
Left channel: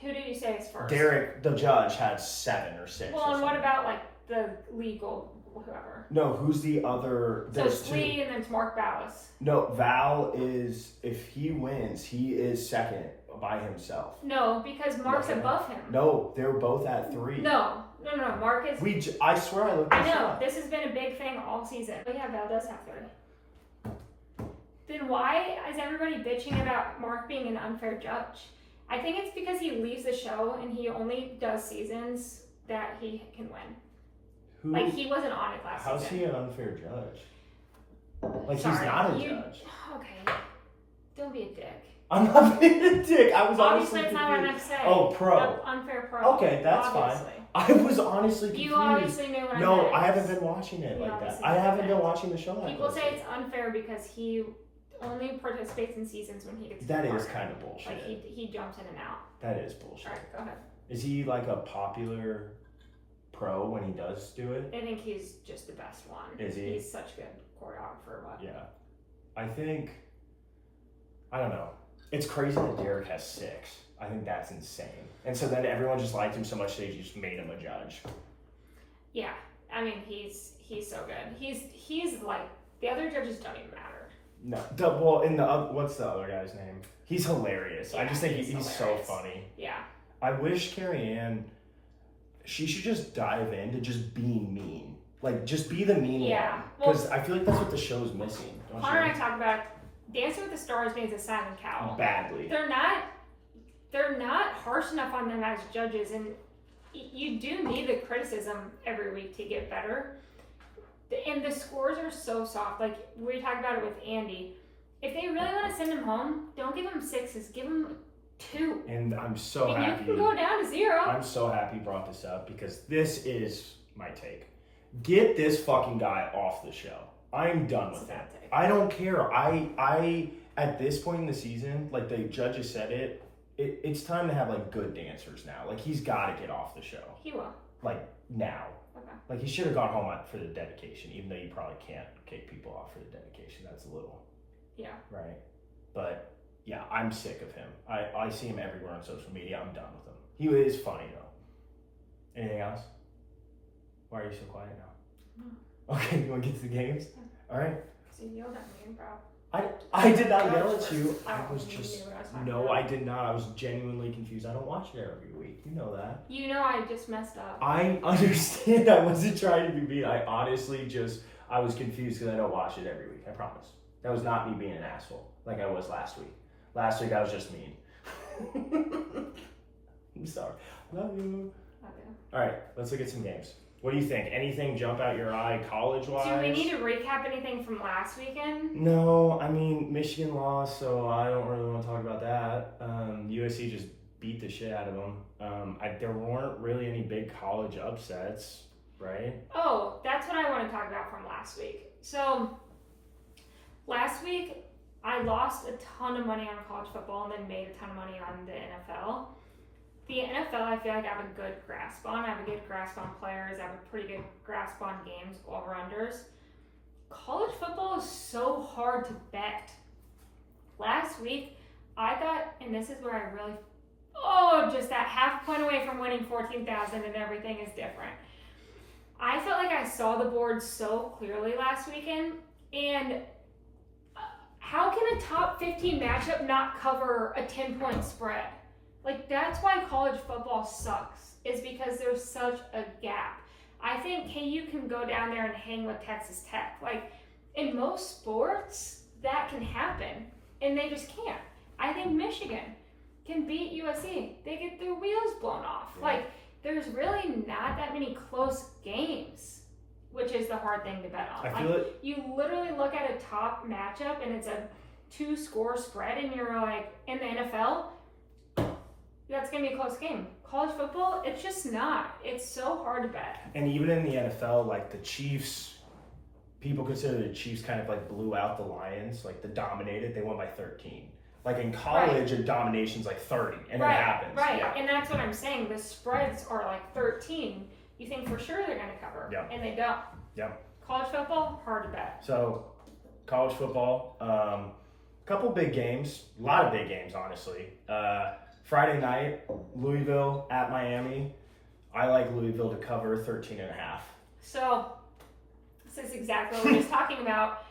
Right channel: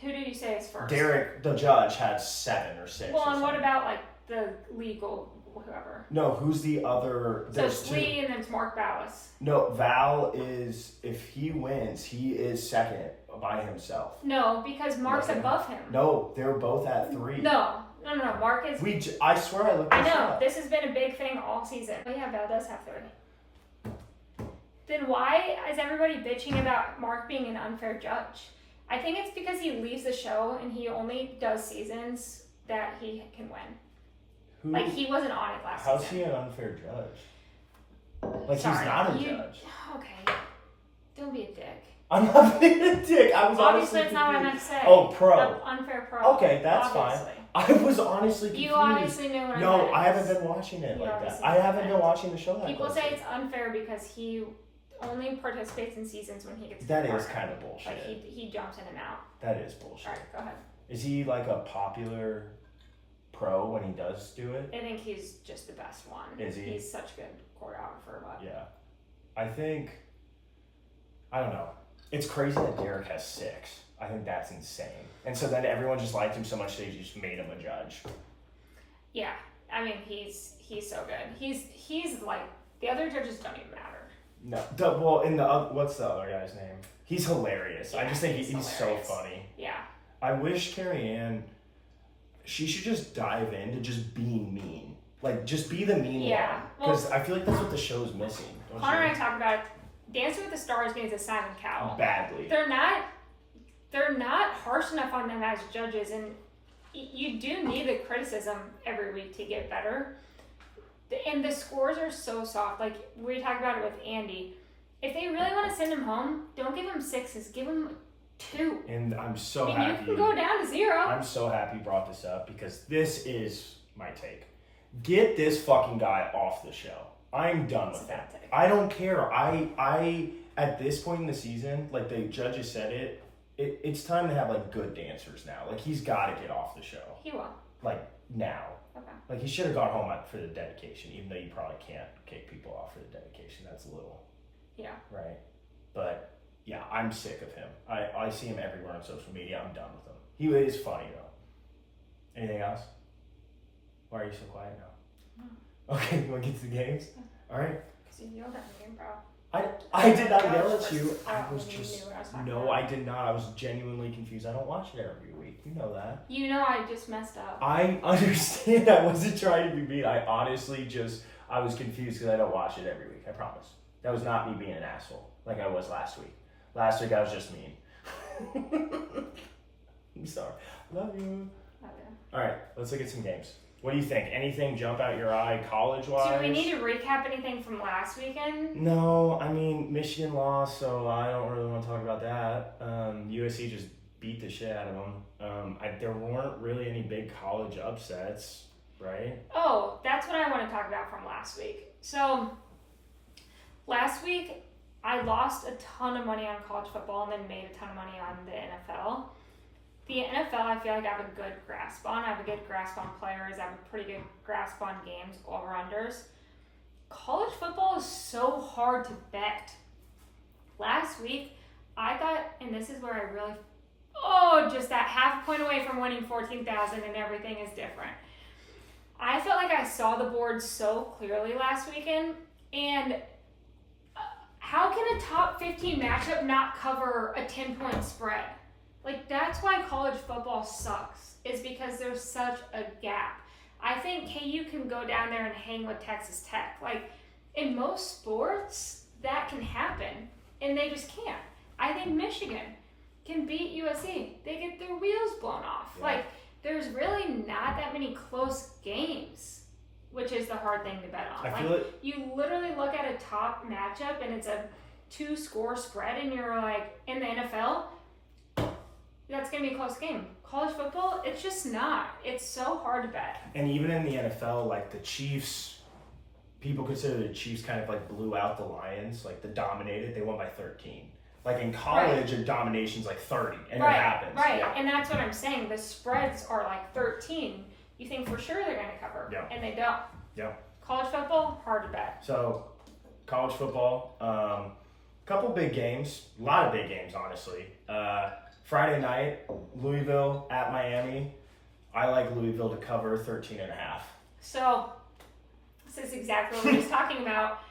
who did you say is first? Derek, the judge, had 7 or 6. Well, and what about like the legal whoever? No, who's the other? There's so Slee and then it's Mark Ballas. No, Val is, if he wins, he is second by himself. No, because Mark's above him. No, they're both at 3. No. Mark is... I swear I looked this up. I know. This has been a big thing all season. Oh yeah, Val does have 3. Then why is everybody bitching about Mark being an unfair judge? I think it's because he leaves the show and he only does seasons that he can win. Like, he wasn't on it last season. How's he an unfair judge? Like, Sorry, he's not a judge. Okay. Don't be a dick. I'm not being a dick. I was obviously honestly it's not what I meant to say. Oh, pro. Unfair pro. Okay, that's obviously. fine. I was honestly confused. You obviously know what I meant. No, I haven't been watching it like that. I haven't been watching the show like that. People say it's unfair because he only participates in seasons when he gets That is kind of bullshit. Like, he jumps in and out. That is bullshit. Alright, go ahead. Is he like a popular pro when he does do it? I think he's just the best one. Is he? He's such a good choreographer. But Yeah. I don't know. It's crazy that Derek has 6. I think that's insane. And so then everyone just liked him so much they just made him a judge. Yeah. I mean, he's so good. He's like, the other judges don't even matter. No. What's the other guy's name? He's hilarious. Yeah, I just think he's so funny. Yeah. I wish Carrie Ann, she should just dive into just being mean. Like, just be the mean one. Because I feel like that's what the show's missing. Connor and I talked about Dancing with the Stars means a silent cow. Badly. They're not harsh enough on them as judges, and you do need the criticism every week to get better. And the scores are so soft. Like, we talked about it with Andy. If they really want to send him home, don't give him 6s. Give him 2. And I'm so happy. You can go down to 0. I'm so happy you brought this up because this is my take. Get this fucking guy off the show. I'm done with that. I don't care. I at this point in the season, like the judges said it's time to have like good dancers now. Like he's got to get off the show. He will. Like now. Okay. Like he should have gone home for the dedication, even though you probably can't kick people off for the dedication. That's a little. Yeah. Right. But yeah, I'm sick of him. I see him everywhere on social media. I'm done with him. He is funny though. Anything else? Why are you so quiet now? No. Okay, you want to get to the games? All right. Because you yelled at me, bro. I did not yell at you. I did not. I was genuinely confused. I don't watch it every week. You know that. You know I just messed up. I understand. I wasn't trying to be mean. I honestly I was confused because I don't watch it every week. I promise. That was not me being an asshole like I was last week. Last week I was just mean. I'm sorry. Love you. Love you. All right, let's look at some games. What do you think? Anything jump out your eye college-wise? Do we need to recap anything from last weekend? No, I mean, Michigan lost, so I don't really want to talk about that. USC just beat the shit out of them. There weren't really any big college upsets, right? Oh, that's what I want to talk about from last week. So, last week, I lost a ton of money on college football and then made a ton of money on the NFL. The NFL, I feel like I have a good grasp on. I have a good grasp on players. I have a pretty good grasp on games, over-unders. College football is so hard to bet. Last week, I thought, and this is where I really, just that half point away from winning $14,000 and everything is different. I felt like I saw the board so clearly last weekend, and how can a top 15 matchup not cover a 10-point spread? Like, that's why college football sucks, is because there's such a gap. I think KU can go down there and hang with Texas Tech. Like, in most sports, that can happen, and they just can't. I think Michigan can beat USC. They get their wheels blown off. Yeah. Like, there's really not that many close games, which is the hard thing to bet on. I feel it. You literally look at a top matchup, and it's a 2-score spread, and you're like, in the NFL, that's going to be a close game. College football, it's just not. It's so hard to bet. And even in the NFL, like the Chiefs, people consider the Chiefs kind of like blew out the Lions, like the dominated. They won by 13. Like in college, a domination's like 30, and it happens. Right, and that's what I'm saying. The spreads are like 13. You think for sure they're going to cover, and they don't. Yeah. College football, hard to bet. So, college football, couple big games, a lot of big games, honestly. Friday night, Louisville at Miami. I like Louisville to cover 13.5. So, this is exactly what we were talking about.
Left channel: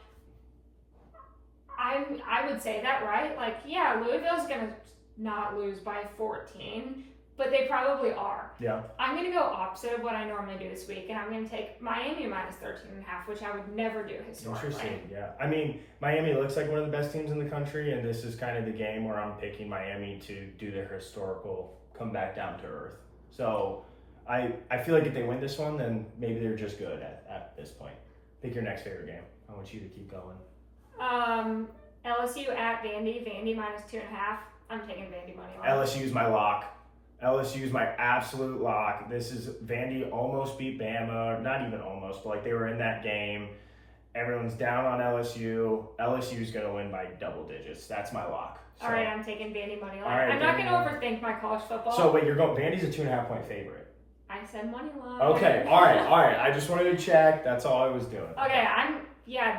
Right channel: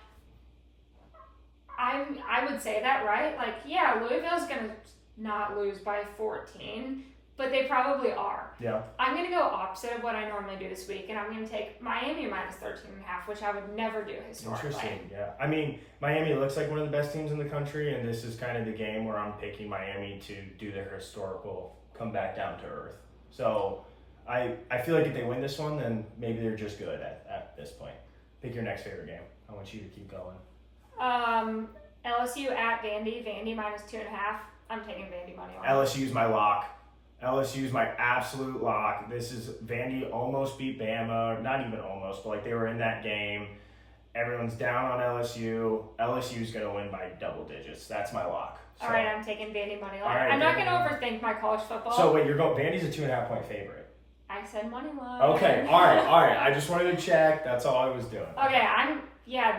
I would say that, right? Like, yeah, Louisville's going to not lose by 14, but they probably are. Yeah. I'm going to go opposite of what I normally do this week, and I'm going to take Miami minus 13.5, which I would never do historically. Interesting, yeah. I mean, Miami looks like one of the best teams in the country, and this is kind of the game where I'm picking Miami to do their historical come back down to earth. So I feel like if they win this one, then maybe they're just good at this point. Pick your next favorite game. I want you to keep going. LSU at Vandy minus 2.5. I'm taking Vandy money on. LSU's my lock. LSU's my absolute lock. This is Vandy almost beat Bama, not even almost, but like they were in that game. Everyone's down on LSU. LSU's going to win by double digits. That's my lock. So, All right, I'm taking Vandy money line. Right, I'm not going to overthink my college football. So wait, Vandy's a 2.5-point favorite. I said money line. Okay, all right. I just wanted to check. That's all I was doing. Okay,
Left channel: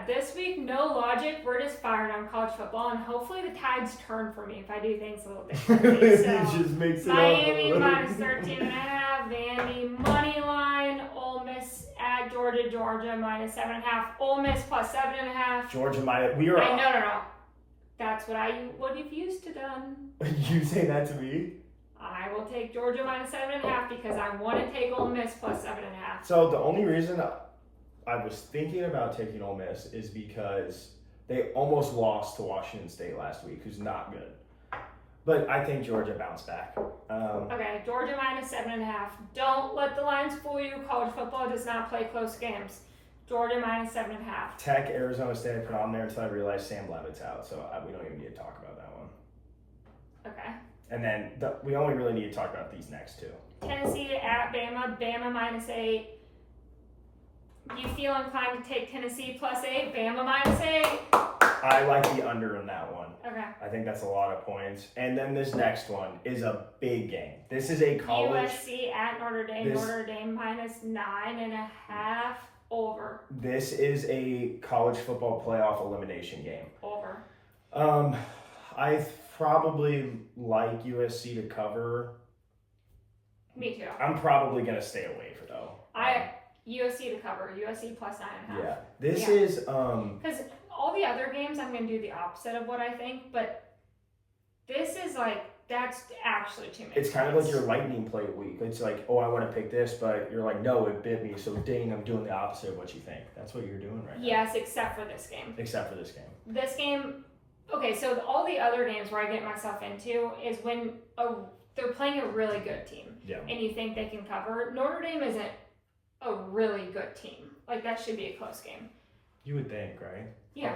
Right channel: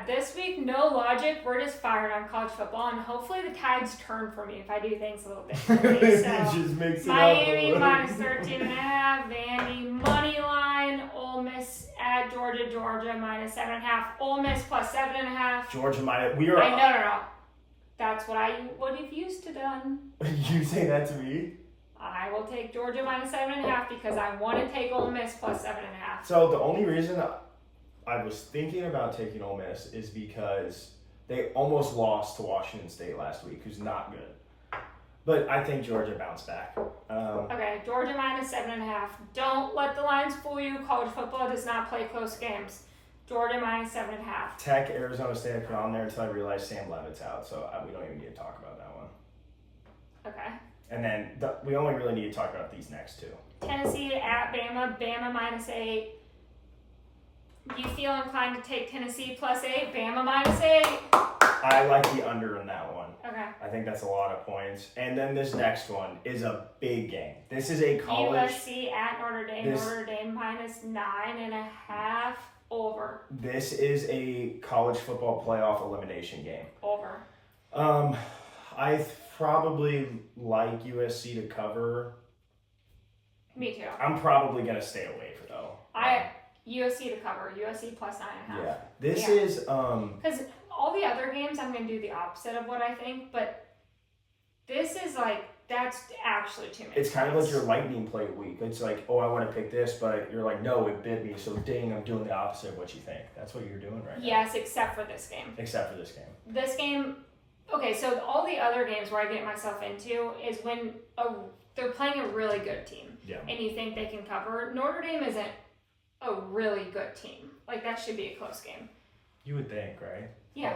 this week, no logic. We're just firing on college football, and hopefully the tides turn for me if I do things a little differently. So, it just makes it Miami up. minus 13.5, Vandy money line, Ole Miss at Georgia minus 7.5, Ole Miss plus 7.5. Georgia minus. No. That's what I would have used to done. You say that to me? I will take Georgia minus 7.5 because I want to take Ole Miss plus 7.5. So the only reason I was thinking about taking Ole Miss is because they almost lost to Washington State last week, who's not good. But I think Georgia bounced back. Okay, Georgia minus 7.5. Don't let the lines fool you. College football does not play close games. Georgia minus 7.5. Tech, Arizona State, I put on there until I realized Sam Levitt's out, so we don't even need to talk about that one. Okay. And then we only really need to talk about these next two. Tennessee at Bama, Bama minus 8. You feel inclined to take Tennessee plus 8, Bama minus 8? I like the under in that one. Okay. I think that's a lot of points. And then this next one is a big game. This is a college. USC at Notre Dame, Notre Dame minus 9.5 over. This is a college football playoff elimination game. Over. I probably like USC to cover. Me too. I'm probably going to stay away for though. USC to cover. USC plus 9.5. Yeah. This is because all the other games I'm going to do the opposite of what I think, but this is that's actually too many. It's kind of like your lightning plate week. It's like, oh, I want to pick this, but you're like, no, it bit me, so dang, I'm doing the opposite of what you think. That's what you're doing right now. Yes, except for this game. Except for this game. This game, okay, so all the other games where I get myself into is when they're playing a really good team. Yeah. And you think they can cover. Notre Dame isn't a really good team. That should be a close game. You would think, right? Yeah.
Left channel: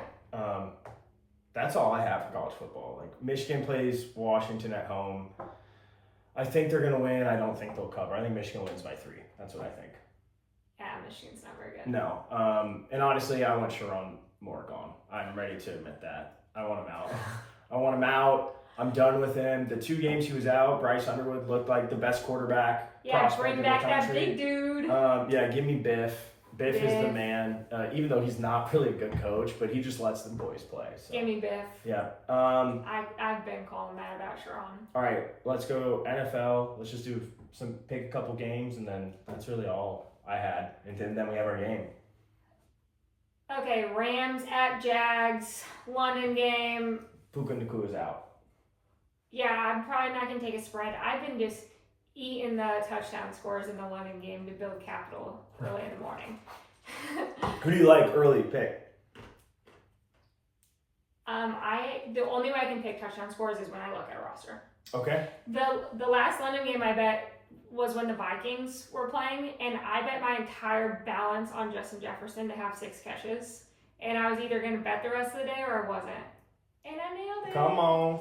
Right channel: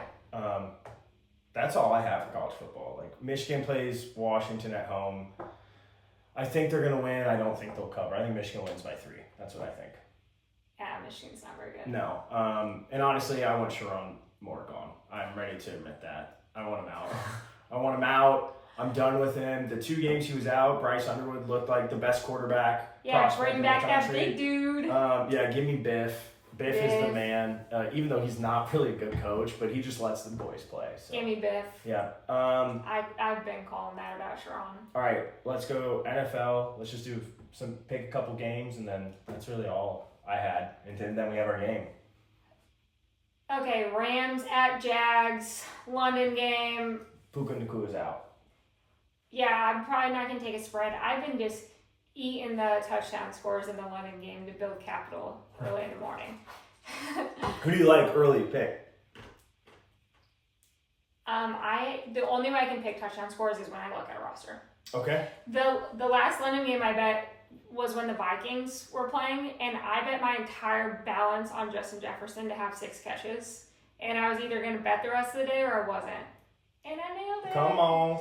That's all I have for college football. Michigan plays Washington at home. I think they're going to win. I don't think they'll cover. I think Michigan wins by 3. That's what I think. Yeah, Michigan's not very good. No. And honestly, I want Sharon Moore gone. I'm ready to admit that. I want him out. I'm done with him. The 2 games he was out, Bryce Underwood looked like the best quarterback. Yeah, bring back that big dude. Give me Biff. Biff is the man, even though he's not really a good coach, but he just lets the boys play. So. Give me Biff. Yeah. I've been calling that about Sharon. All right, let's go NFL. Let's just pick a couple games, and then that's really all I had. And then we have our game. Okay, Rams at Jags, London game. Puka Nacua is out. Yeah, I'm probably not going to take a spread. I've been just eating the touchdown scores in the London game to build capital early in the morning. Who do you like early pick? The only way I can pick touchdown scores is when I look at a roster. Okay. The last London game I bet was when the Vikings were playing, and I bet my entire balance on Justin Jefferson to have 6 catches, and I was either going to bet the rest of the day or I wasn't, and I nailed it. Come on.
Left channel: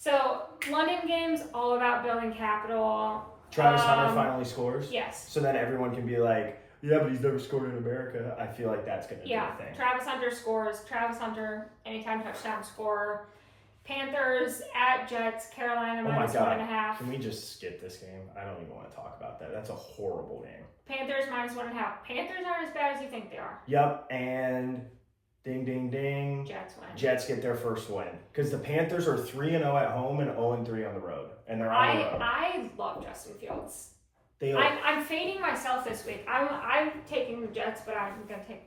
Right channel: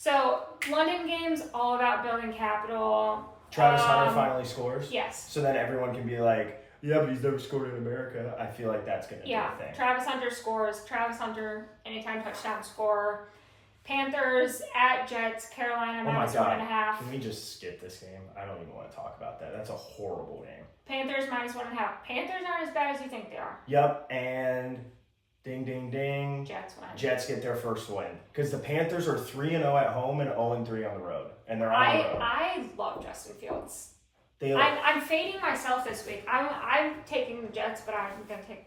So London games all about building capital. Travis Hunter finally scores. Yes. So then everyone can be like, yeah, but he's never scored in America. I feel like that's going to be a thing. Travis Hunter scores. Travis Hunter, anytime touchdown scorer. Panthers at Jets. Carolina minus 1.5. Can we just skip this game? I don't even want to talk about that. That's a horrible game. Panthers minus 1.5. Panthers aren't as bad as you think they are. Yep, and ding, ding, ding. Jets win. Jets get their first win. Because the Panthers are 3-0 at home and 0-3 on the road. And they're on the road. I love Justin Fields. I'm fading myself this week. I'm taking the Jets, but I'm going to take...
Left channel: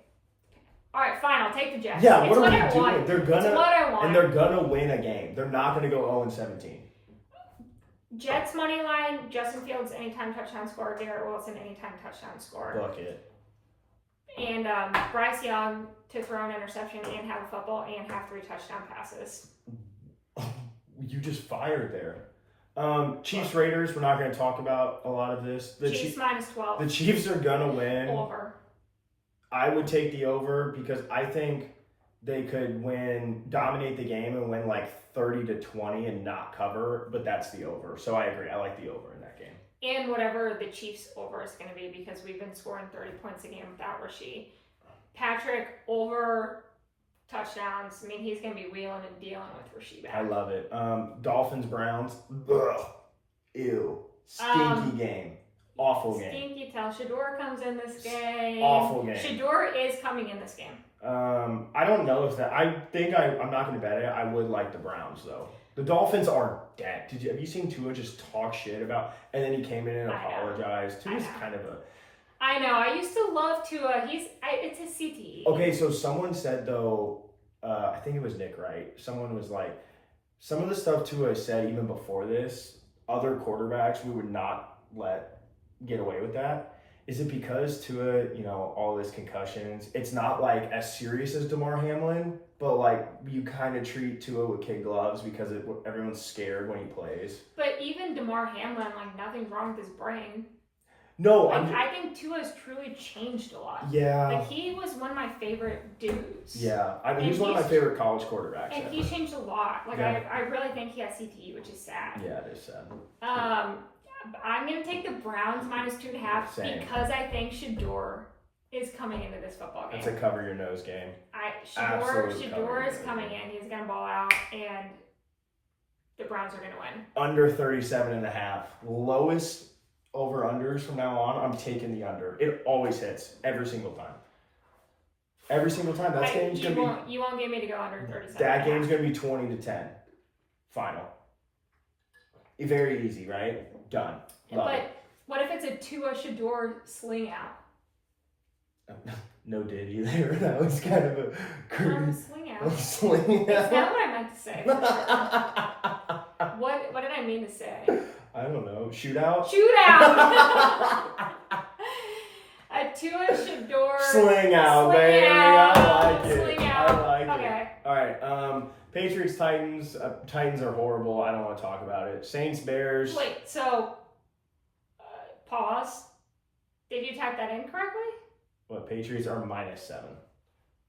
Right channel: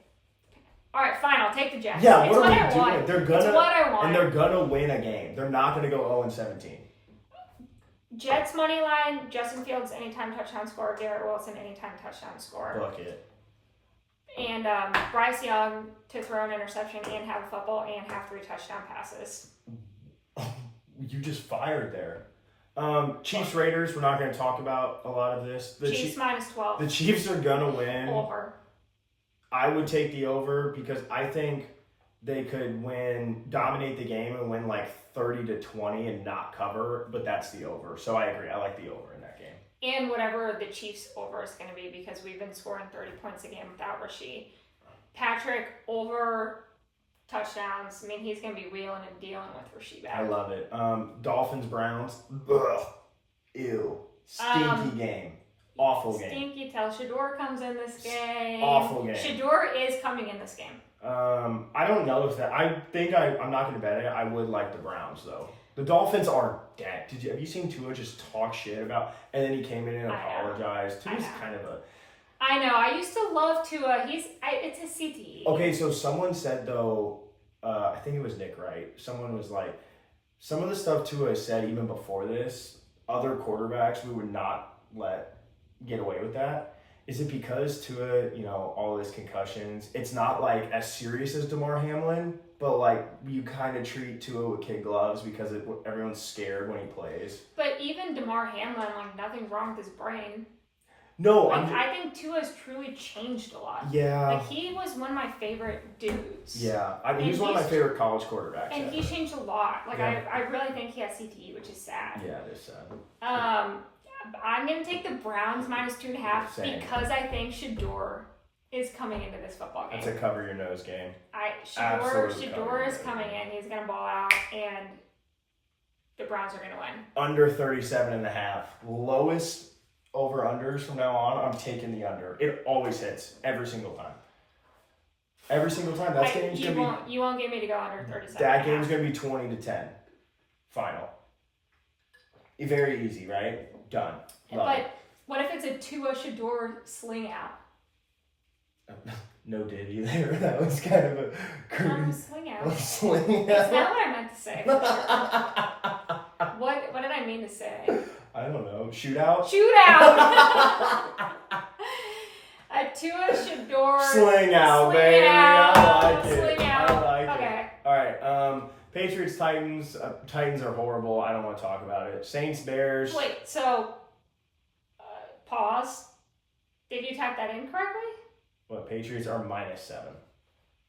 All right, fine. I'll take the Jets. Yeah, what are we doing? They're gonna, it's what I want. And they're going to win a game. They're not going to go 0-17. Jets money line, Justin Fields anytime touchdown scorer, Garrett Wilson anytime touchdown scorer. Bucket. And Bryce Young to throw an interception and have a football and have 3 touchdown passes. You just fired there. Chiefs Raiders, we're not going to talk about a lot of this. Chiefs minus 12. The Chiefs are going to win. Over. I would take the over because I think they could dominate the game and win 30-20 and not cover, but that's the over. So I agree. I like the over in that game. And whatever the Chiefs over is going to be because we've been scoring 30 points a game without Rasheed. Patrick over touchdowns. I mean, he's going to be wheeling and dealing with Rasheed back. I love it. Dolphins, Browns. Ugh. Ew. Stinky game. Awful game. Stinky tell. Shador comes in this game. Awful game. Shador is coming in this game. I don't know if that. I think I'm not going to bet it. I would like the Browns though. The Dolphins are dead. Have you seen Tua just talk shit about? And then he came in and apologized. Tua's kind of a. I know. I used to love Tua. It's his CTE. Okay, so someone said though, I think it was Nick Wright. Someone was like, some of the stuff Tua said even before this, other quarterbacks we would not let get away with that. Is it because Tua, all his concussions, it's not like as serious as DeMar Hamlin, but like you kind of treat Tua with kid gloves because everyone's scared when he plays. But even DeMar Hamlin, like nothing's wrong with his brain. No, I think Tua's truly changed a lot. Yeah. Like he was one of my favorite dudes. Yeah, he was one of my favorite college quarterbacks. And he changed a lot. Like I really think he has CTE, which is sad. Yeah, it is sad. I'm going to take the Browns minus 2.5 because I think Shador is coming into this football game. That's a cover your nose game. Shador is coming in. He's going to ball out, and the Browns are going to win. Under 37.5. Lowest over-unders from now on, I'm taking the under. It always hits every single time. Every single time. That game's going to be... You won't get me to go under 37. That game's going to be 20-10. Final. Very easy, right? Done. Love it. What if it's a Tua Shador sling out? No diddy there. That was kind of a sling out. Sling out. That's not what I meant to say. What did I mean to say? I don't know. Shootout? A Tua Shador sling out, baby. I like it. Sling out. I like it. All right. Patriots, Titans. Titans are horrible. I don't want to talk about it. Saints, Bears. Wait, so pause. Did you type that in correctly? What, Patriots are -7.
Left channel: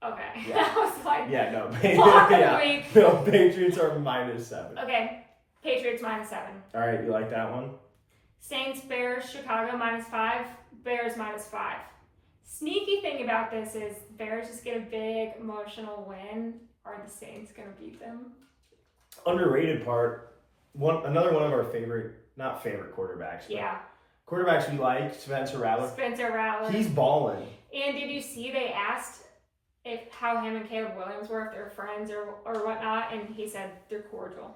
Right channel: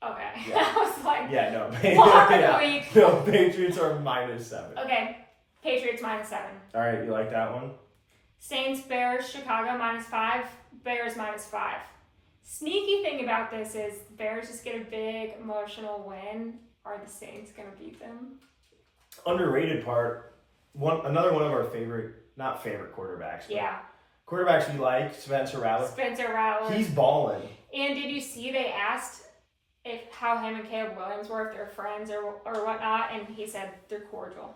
Okay. Yeah. I was like, no. No, Patriots are -7. Okay. Patriots -7. All right, you like that one? Saints, Bears, Chicago -5. Bears -5. Sneaky thing about this is Bears just get a big emotional win. Are the Saints going to beat them? Underrated part. Another one of our not favorite quarterbacks. But quarterbacks we like, Spencer Rattler. He's balling. And did you see they asked how him and Caleb Williams were, if they're friends or whatnot, and he said they're cordial.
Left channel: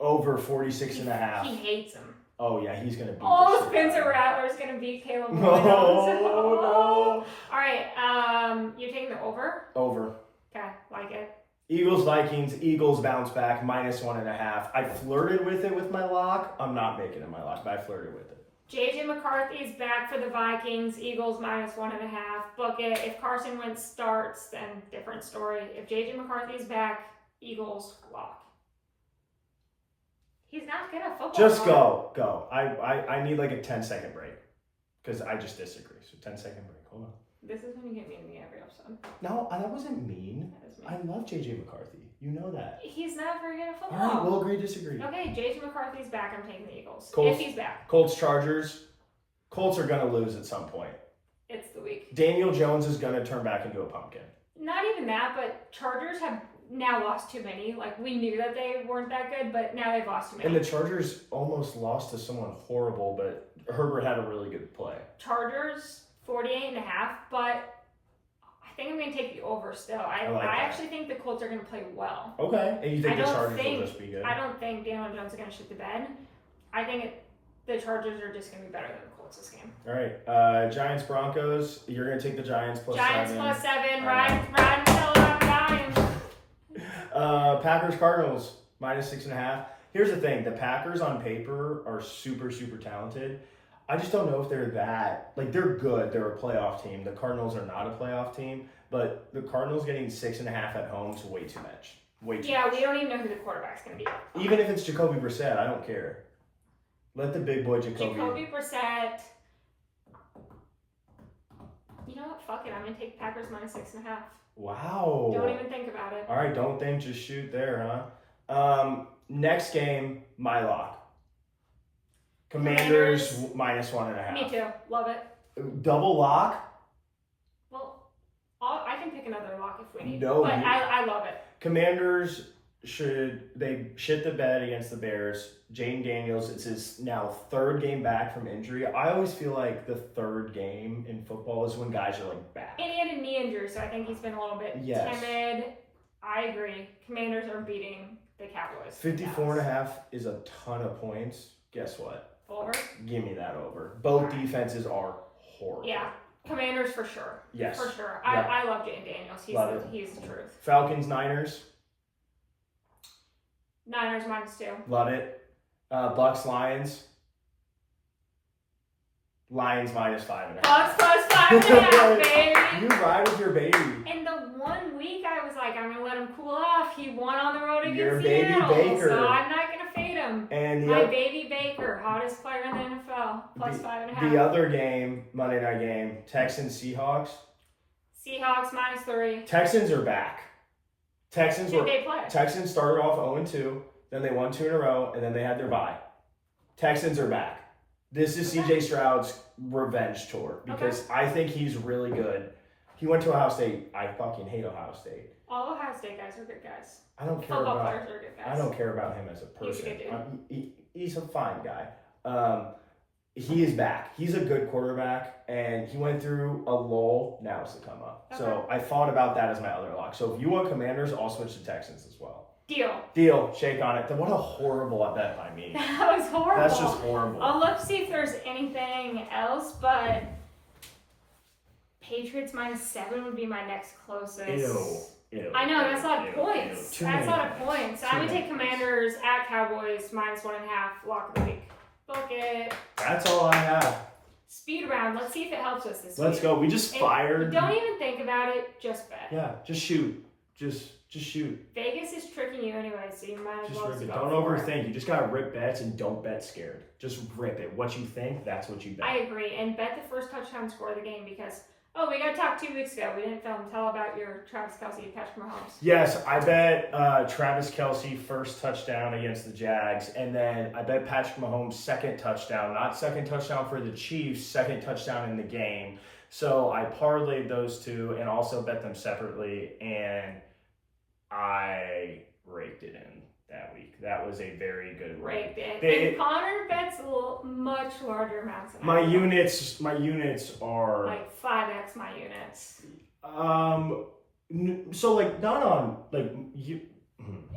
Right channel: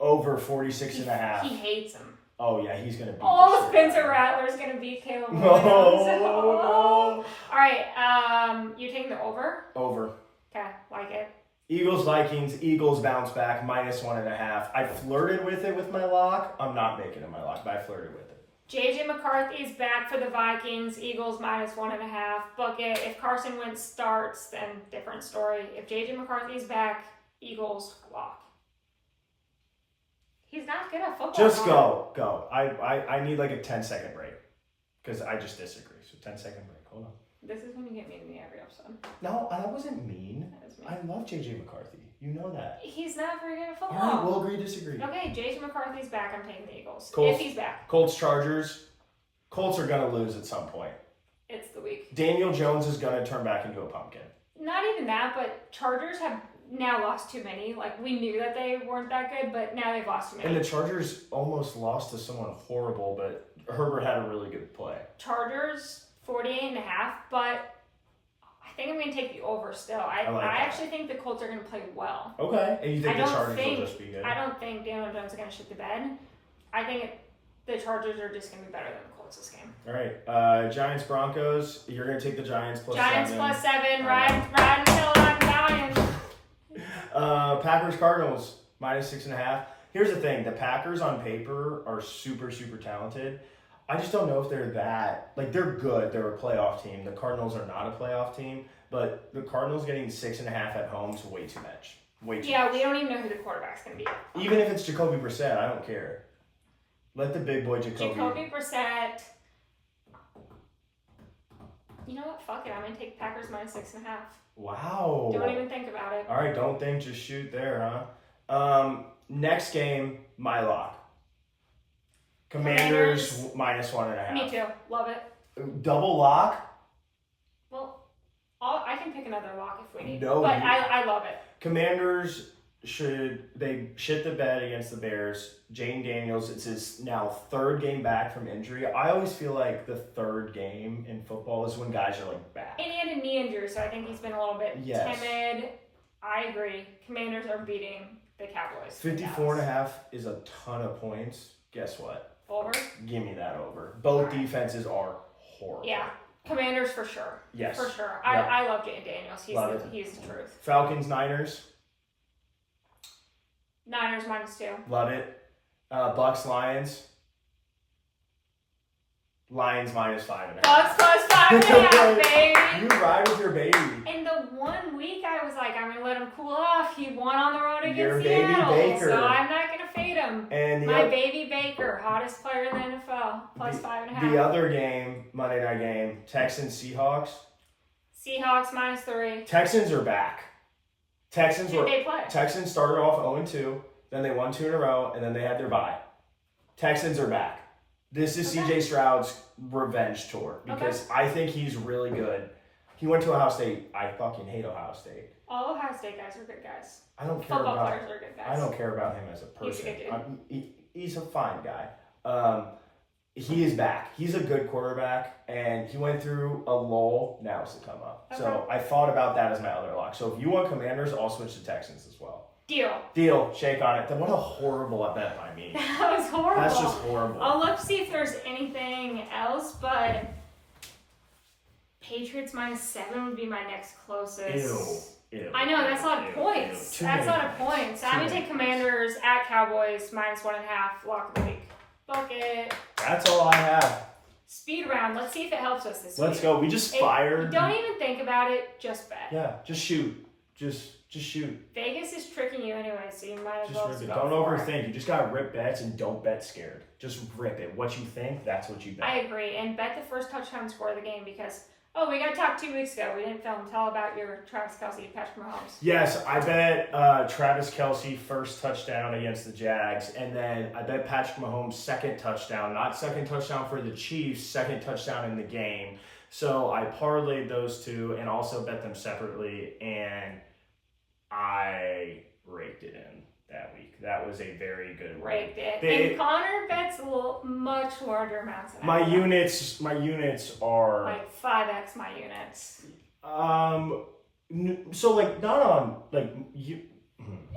Over 46.5. He hates him. Oh yeah, he's gonna beat. Spencer Rattler's gonna beat Caleb Williams. No. All right, you're taking the over? Over. Okay, like it. Eagles, Vikings. Eagles bounce back -1.5. I flirted with it with my lock. I'm not making it my lock, but I flirted with it. JJ McCarthy is back for the Vikings. Eagles -1.5. Book it. If Carson Wentz starts, then different story. If JJ McCarthy's back, Eagles lock. He's not good at football. Just go. I need like a 10-second break because I just disagree. So 10-second break. Hold on. This is when you get mean to me every episode. No, that wasn't mean. That is mean. I love JJ McCarthy. You know that. He's not very good at football. All right, we'll agree to disagree. Okay, JJ McCarthy's back. I'm taking the Eagles. Colts, if he's back. Colts, Chargers. Colts are going to lose at some point. It's the week. Daniel Jones is going to turn back into a pumpkin. Not even that, but Chargers have now lost too many. Like, we knew that they weren't that good, but now they've lost too many. And the Chargers almost lost to someone horrible, but Herbert had a really good play. Chargers, 48.5, but I think I'm going to take the over still. I actually think the Colts are going to play well. Okay. And you think the Chargers will just be good? I don't think Daniel Jones is going to shit the bed. I think the Chargers are just going to be better than the Colts this game. All right. Giants, Broncos. You're going to take the Giants +7. Giants +7. Ryan until I'm dying. Packers, Cardinals, -6.5. Here's the thing. The Packers on paper are super, super talented. I just don't know if they're that. Like, they're good. They're a playoff team. The Cardinals are not a playoff team. But the Cardinals getting 6.5 at home is way too much. Way too much. We don't even know who the quarterback's going to be. Even if it's Jacoby Brissett, I don't care. Let the big boy Jacoby Brissett. You know what? Fuck it. I'm going to take Packers -6.5. Wow. Don't even think about it. All right, don't think, just shoot there, huh? Next game, my lock. Commanders -1.5. Me too. Love it. Double lock? Well, I can can pick another lock if we need. No, but I love it. Commanders they shit the bed against the Bears. Jane Daniels, it's his now third game back from injury. I always feel like the third game in football is when guys are like back. And he had a knee injury, so I think he's been a little bit timid. I agree. Commanders are beating the Cowboys. 54.5 is a ton of points. Guess what? Over? Give me that over. Both defenses are horrible. Yeah. Commanders for sure. Yes. For sure. Yep. I love Jane Daniels. He's the truth. Falcons, Niners. Niners -2. Love it. Bucks, Lions. Lions -5.5. Bucks +5.5, baby. You ride with your baby. In the 1 week, I was like, I'm gonna let him cool off. He won on the road against Your Seattle, baby Baker. so I'm not gonna fade him. And my baby Baker, hottest player in the NFL, +5.5. The other game, Monday night game, Texans, Seahawks. Seahawks -3. Texans are back. Texans started off 0-2, then they won 2 in a row, and then they had their bye. Texans are back. This is CJ Stroud's revenge tour because I think he's really good. He went to Ohio State. I fucking hate Ohio State. All Ohio State guys are good guys. I don't care Football about. players are good guys. I don't care about him as a person. He's a good dude. He's a fine guy. He is back. He's a good quarterback, and he went through a lull. Now it's the come up. Okay. So I thought about that as my other lock. So if you want Commanders, I'll switch to Texans as well. Deal. Shake on it. What a horrible bet by me. That was horrible. That's just horrible. I'll look to see if there's anything else, but Patriots -7 would be my next closest. Ew. I know, that's a lot of points. That's a lot of points. I would take Commanders at Cowboys -1.5, lock of the week. Book it. That's all I have. Speed round. Let's see if it helps us this week. Let's go. We just fired. Don't even think about it. Just bet. Yeah, just shoot. Just shoot. Vegas is tricking you anyway, so you might as well just rip it. go Don't for overthink. You just gotta rip bets and don't bet scared. Just rip it. What you think, that's what you bet. I agree, and bet the first touchdown score of the game because we got talked 2 weeks ago. We didn't film. Tell about your Travis Kelce, Patrick Mahomes. Yes, I bet Travis Kelce first touchdown against the Jags, and then I bet Patrick Mahomes second touchdown. Not second touchdown for the Chiefs, second touchdown in the game. So I parlayed those two and also bet them separately, and I raked it in that week. That was a very good rake. And Connor bets much larger amounts than my units. My units are like 5x my units. So like not on like you.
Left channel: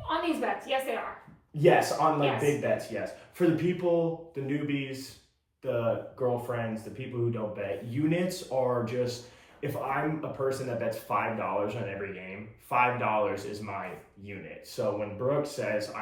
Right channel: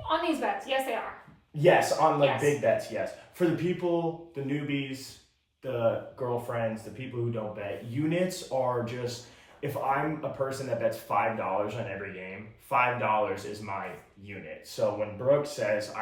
On these bets, yes, they are. Yes, on like big bets, yes. For the people, the newbies, the girlfriends, the people who don't bet, units are just. If I'm a person that bets $5 on every game, $5 is my unit. So when Brooke says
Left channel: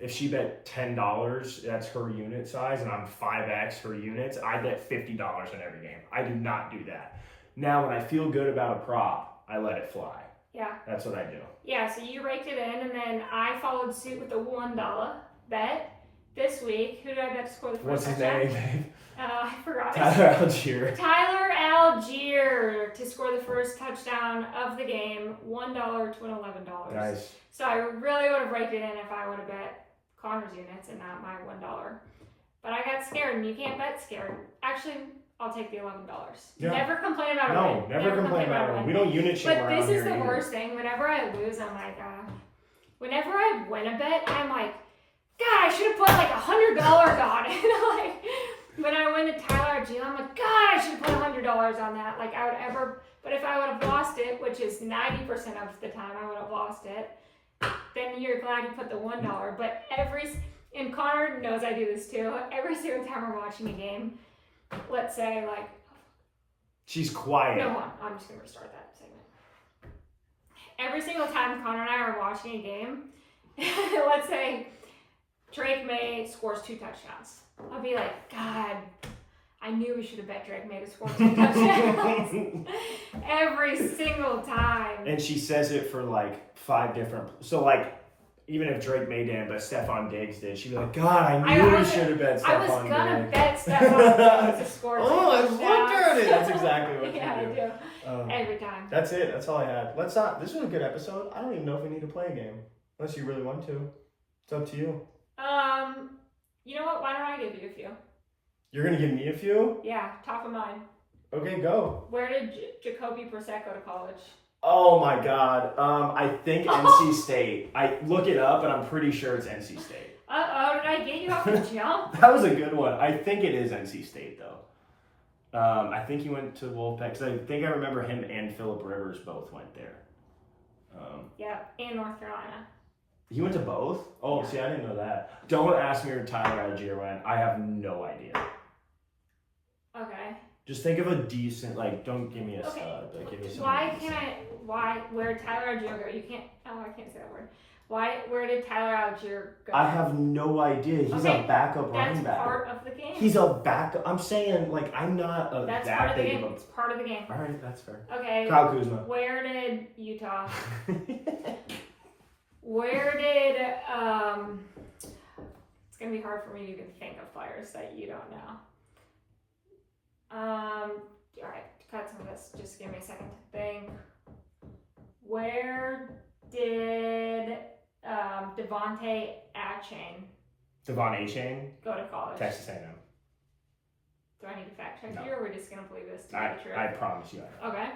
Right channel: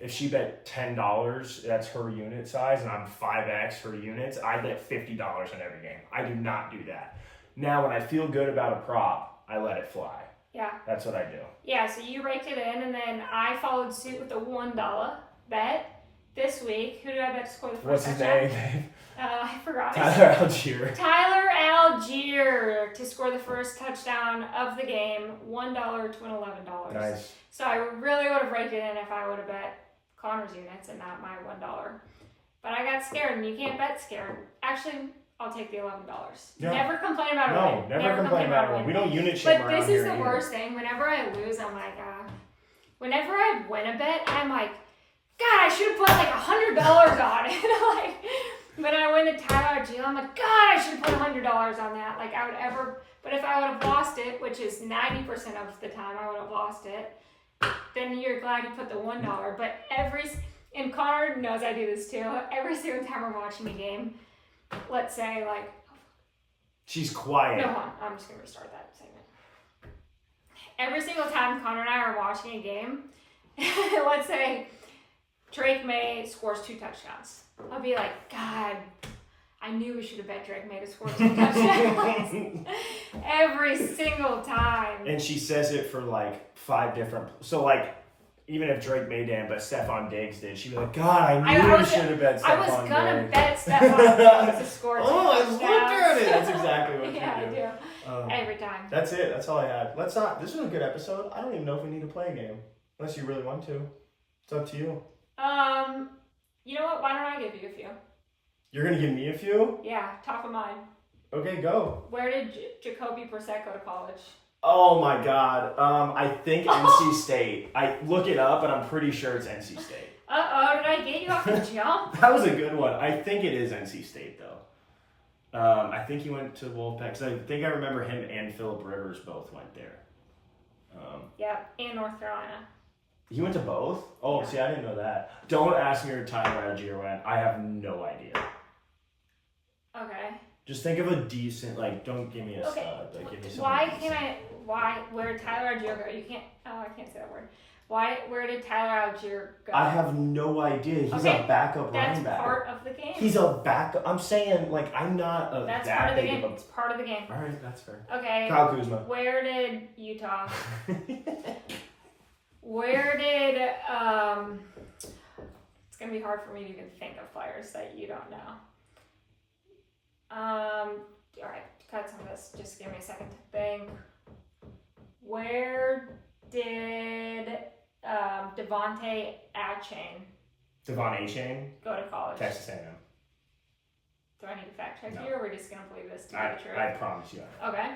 if she bet $10, that's her unit size, and I'm 5x her units, I bet $50 on every game. I do not do that. Now, when I feel good about a prop, I let it fly. Yeah. That's what I do. Yeah, so you raked it in, and then I followed suit with a $1 bet. This week, who did I bet to score the first touchdown? What's his name? I forgot. Tyler Algier to score the first touchdown of the game, $1 to win $11. Nice. So I really would have raked it in if I would have bet Connor's units and not my $1. But I got scared, and you can't bet scared. Actually, I'll take the $11. Yeah. Never complain about a win. Never complain about a win. We don't unit shame around here. But this is the worst thing. Whenever I lose, I'm like, whenever I win a bet, I'm like, God, I should have put like $100 on it. Like when I win the Tyler Algier, I'm like, God, I should have put $100 on that. Like I would ever, but if I would have lost it, which is 90% of the time I would have lost it, then you're glad you put the $1. But and Connor knows I do this too. Every single time we're watching a game, let's say like, she's quiet. No, I'm just gonna restart that segment. Every single time Connor and I are watching a game, let's say Drake May scores 2 touchdowns. I'll be like, God, I knew we should have bet Drake May to score 2 touchdowns. Every single time. And she says it for like 5 different. So like, even if Drake May didn't, but Stephon Diggs did, she'd be like, God, I knew we should have bet Stephon Diggs. I was gonna bet Stephon Diggs to score 2 touchdowns. I looked at it. That's exactly what you do. I do. Every time. That's it. That's all I have. This was a good episode. I don't even know if we need to play a game. Unless you really want to. It's up to you. You know what? Why don't I give you a few? You're gonna give me a few? Yeah, top of mind. Okay, go. Where did Jacoby Brissett go to college? Oh my God. I think NC State. I look it up, but I'm pretty sure it's NC State. Uh-oh, did I get you off the jump? That was a good one. I think it is NC State, though. I think he went to Wolfpack, because I think I remember him and Phillip Rivers both went there. Yeah, and North Carolina. He went to both? Oh, see, I didn't know that. Don't ask me where Tyler Algier went. I have no idea. Okay. Just think of a decent, like, don't give me a stud, but give me something where did Tyler Algier go? You can't, I can't say that word. Where did Tyler Algier go? I have no idea. He's a backup running back. That's part of the game. He's a backup. I'm saying, like, I'm not that big of a... It's part of the game. All right, that's fair. Okay. Kyle Kuzma. Where did Utah... Where did... It's going to be hard for me to even think of players that you don't know. All right, cut some of this. Just give me a second to think. Where did Devontae Devon A-Chain? go to college? Texas A&M. Do I need to fact check No. you, or are we just going to believe this to be true? I promise you. Okay.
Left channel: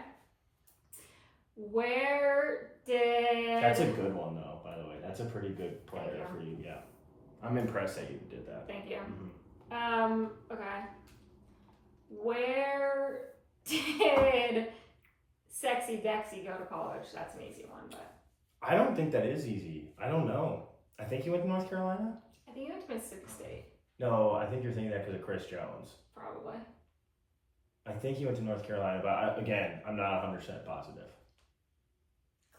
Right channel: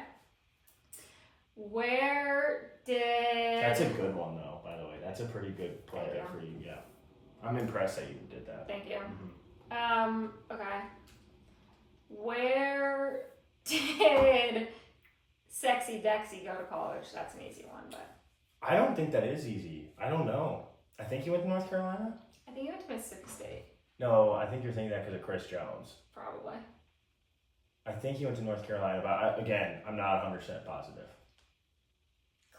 Where did... That's a good one, though, by the way. That's a pretty good player Thank you. for you, yeah. I'm impressed that you did that. Thank you. Mm-hmm. Okay. Where did Sexy Dexy go to college? That's an easy one, but... I don't think that is easy. I don't know. I think he went to North Carolina? I think he went to Mississippi State. No, I think you're thinking that because of Chris Jones. Probably. I think he went to North Carolina, but again, I'm not 100% positive.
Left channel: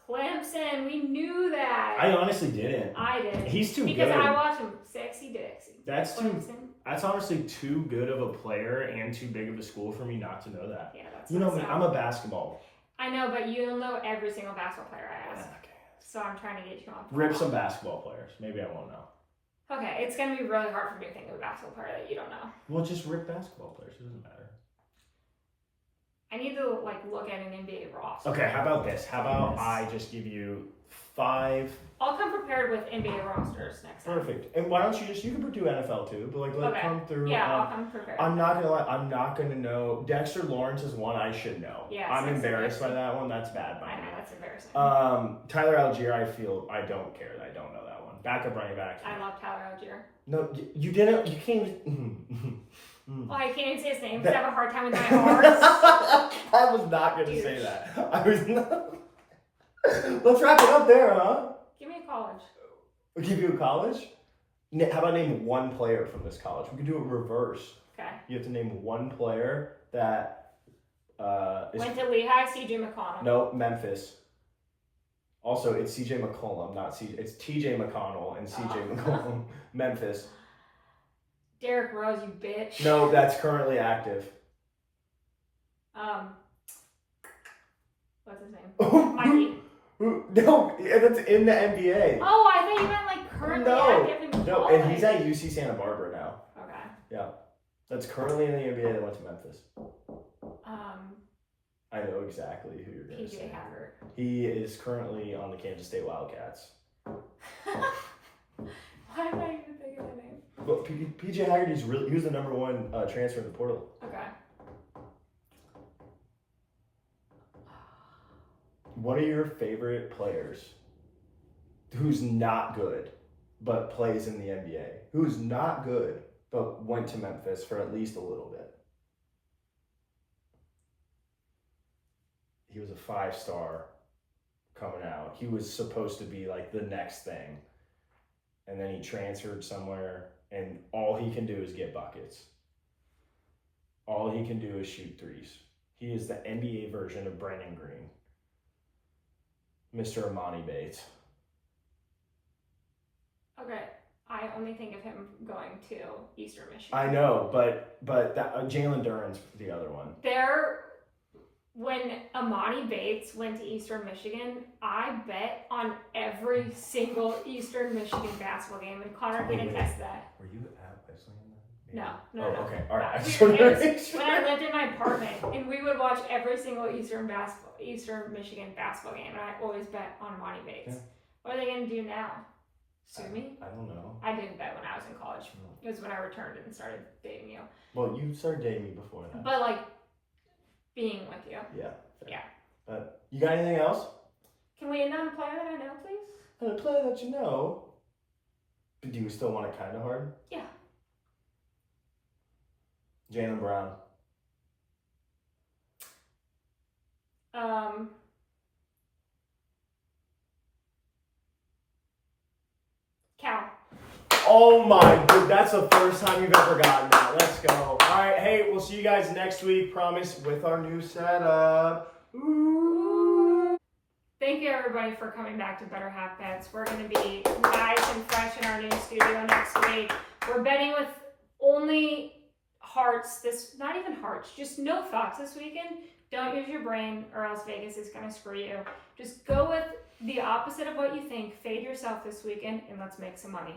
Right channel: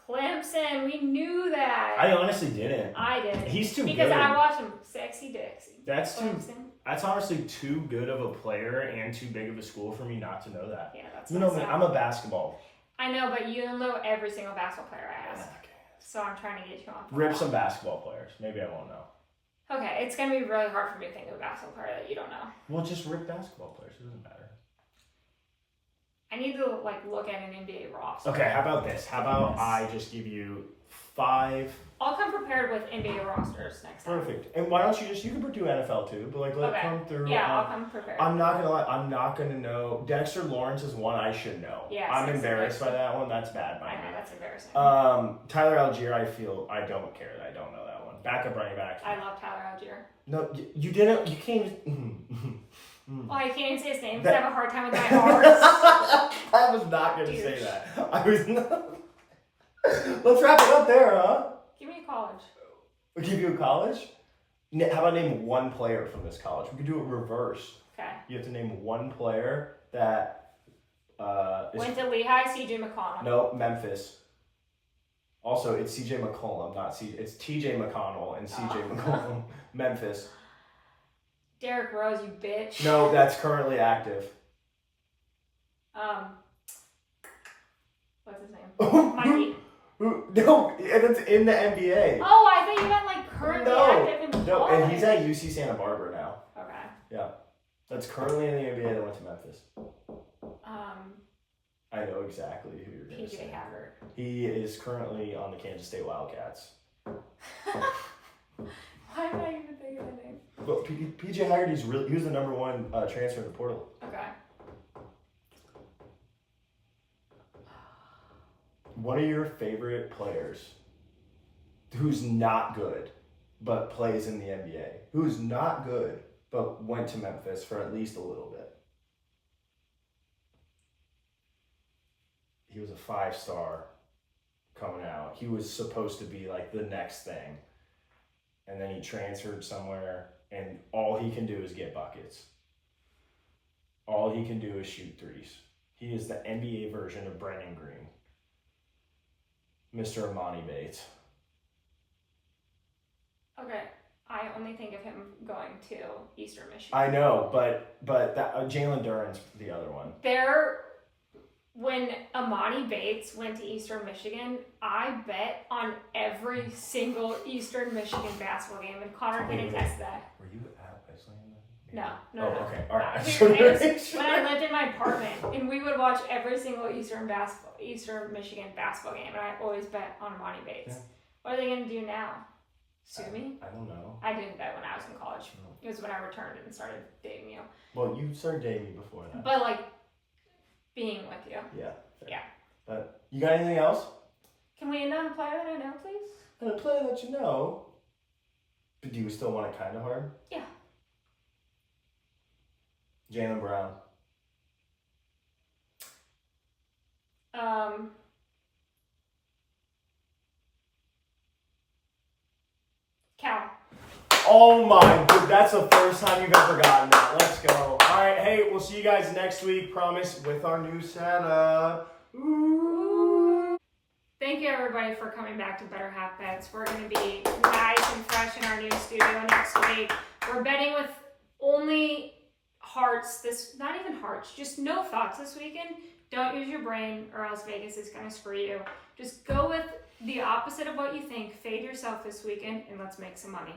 Clemson, we knew that. I honestly didn't. I didn't. He's too because good. I watched him. Sexy Dexy. That's Clemson. That's honestly too good of a player and too big of a school for me not to know that. Yeah, that's. You know me, I'm a basketball. I know, but you don't know every single basketball player I asked. Okay. So I'm trying to get you on. Rip some basketball players. Maybe I won't know. Okay, it's gonna be really hard for me to think of a basketball player that you don't know. Well, just rip basketball players. It doesn't matter. I need to look at an NBA roster. Okay, how about this? How about I just give you 5? I'll come prepared with NBA rosters next time. Perfect. And why don't you can do NFL too, but let it come through. Yeah, I'll come prepared. I'm not gonna lie. I'm not gonna know. Dexter Lawrence is one I should know. Yes, I'm embarrassed by that one. That's bad by me. I know, that's embarrassing. Tyler Algier, I don't care that I don't know that one. Backup running back. I love Tyler Algier. No, you didn't. You can't. Well, I can't even say his name because I have a hard time with my R's. I was not gonna say that. I was not. Let's wrap it up there, huh? Give me a college. We'll give you a college? How about name one player from this college? We could do it reverse. Okay. You have to name one player that went to Lehigh, CJ McConnell. No, Memphis. Also, it's CJ McCollum, not CJ. It's TJ McConnell and CJ McCollum. Memphis. Derrick Rose, you bitch. No, that's currently active. What's his name? Mikey. No, that's in the NBA. Oh, I thought you meant currently active in college. No, and he's at UC Santa Barbara now. Okay. Yeah, that's currently in the NBA that went to Memphis. I know exactly who you're going to say. PJ Haggard. He is currently on the Kansas State Wildcats. Why am I even thinking of the name? But PJ Haggard, he was the number 1 transfer in the portal. Okay. One of your favorite players who's not good but plays in the NBA, who's not good but went to Memphis for at least a little bit. He was a 5-star coming out. He was supposed to be the next thing. And then he transferred somewhere, and all he can do is get buckets. All he can do is shoot threes. He is the NBA version of Brandon Green. Mr. Amani Bates. Okay, I only think of him going to Eastern Michigan. I know, but that Jalen Duren's the other one. When Amani Bates went to Eastern Michigan, I bet on every single Eastern Michigan basketball game, and Connor can attest that. Were you at Wesleyan? No. Okay, all right. When I lived in my apartment, and we would watch every single Eastern Michigan basketball game, and I always bet on Amani Bates. Yeah. What are they going to do now? Sue me? I don't know. I didn't bet when I was in college. It was when I returned and started dating you. Well, you started dating me before that. But being with you. Yeah. Fair. Yeah. You got anything else? Can we end on a player that I know, please? And a player that you know. But do you still want it kind of hard? Yeah. Jaylen Brown. Cal. Oh my god, that's the first time you've ever gotten that. Let's go. All right, hey, we'll see you guys next week, promise, with our new setup. Ooh. Thank you, everybody, for coming back to Better Half Bets. We're going to be nice and fresh in our new studio next week. We're betting with only hearts, not even hearts, just no thoughts this weekend. Don't use your brain or else Vegas is going to screw you. Just go with the opposite of what you think. Fade yourself this weekend and let's make some money.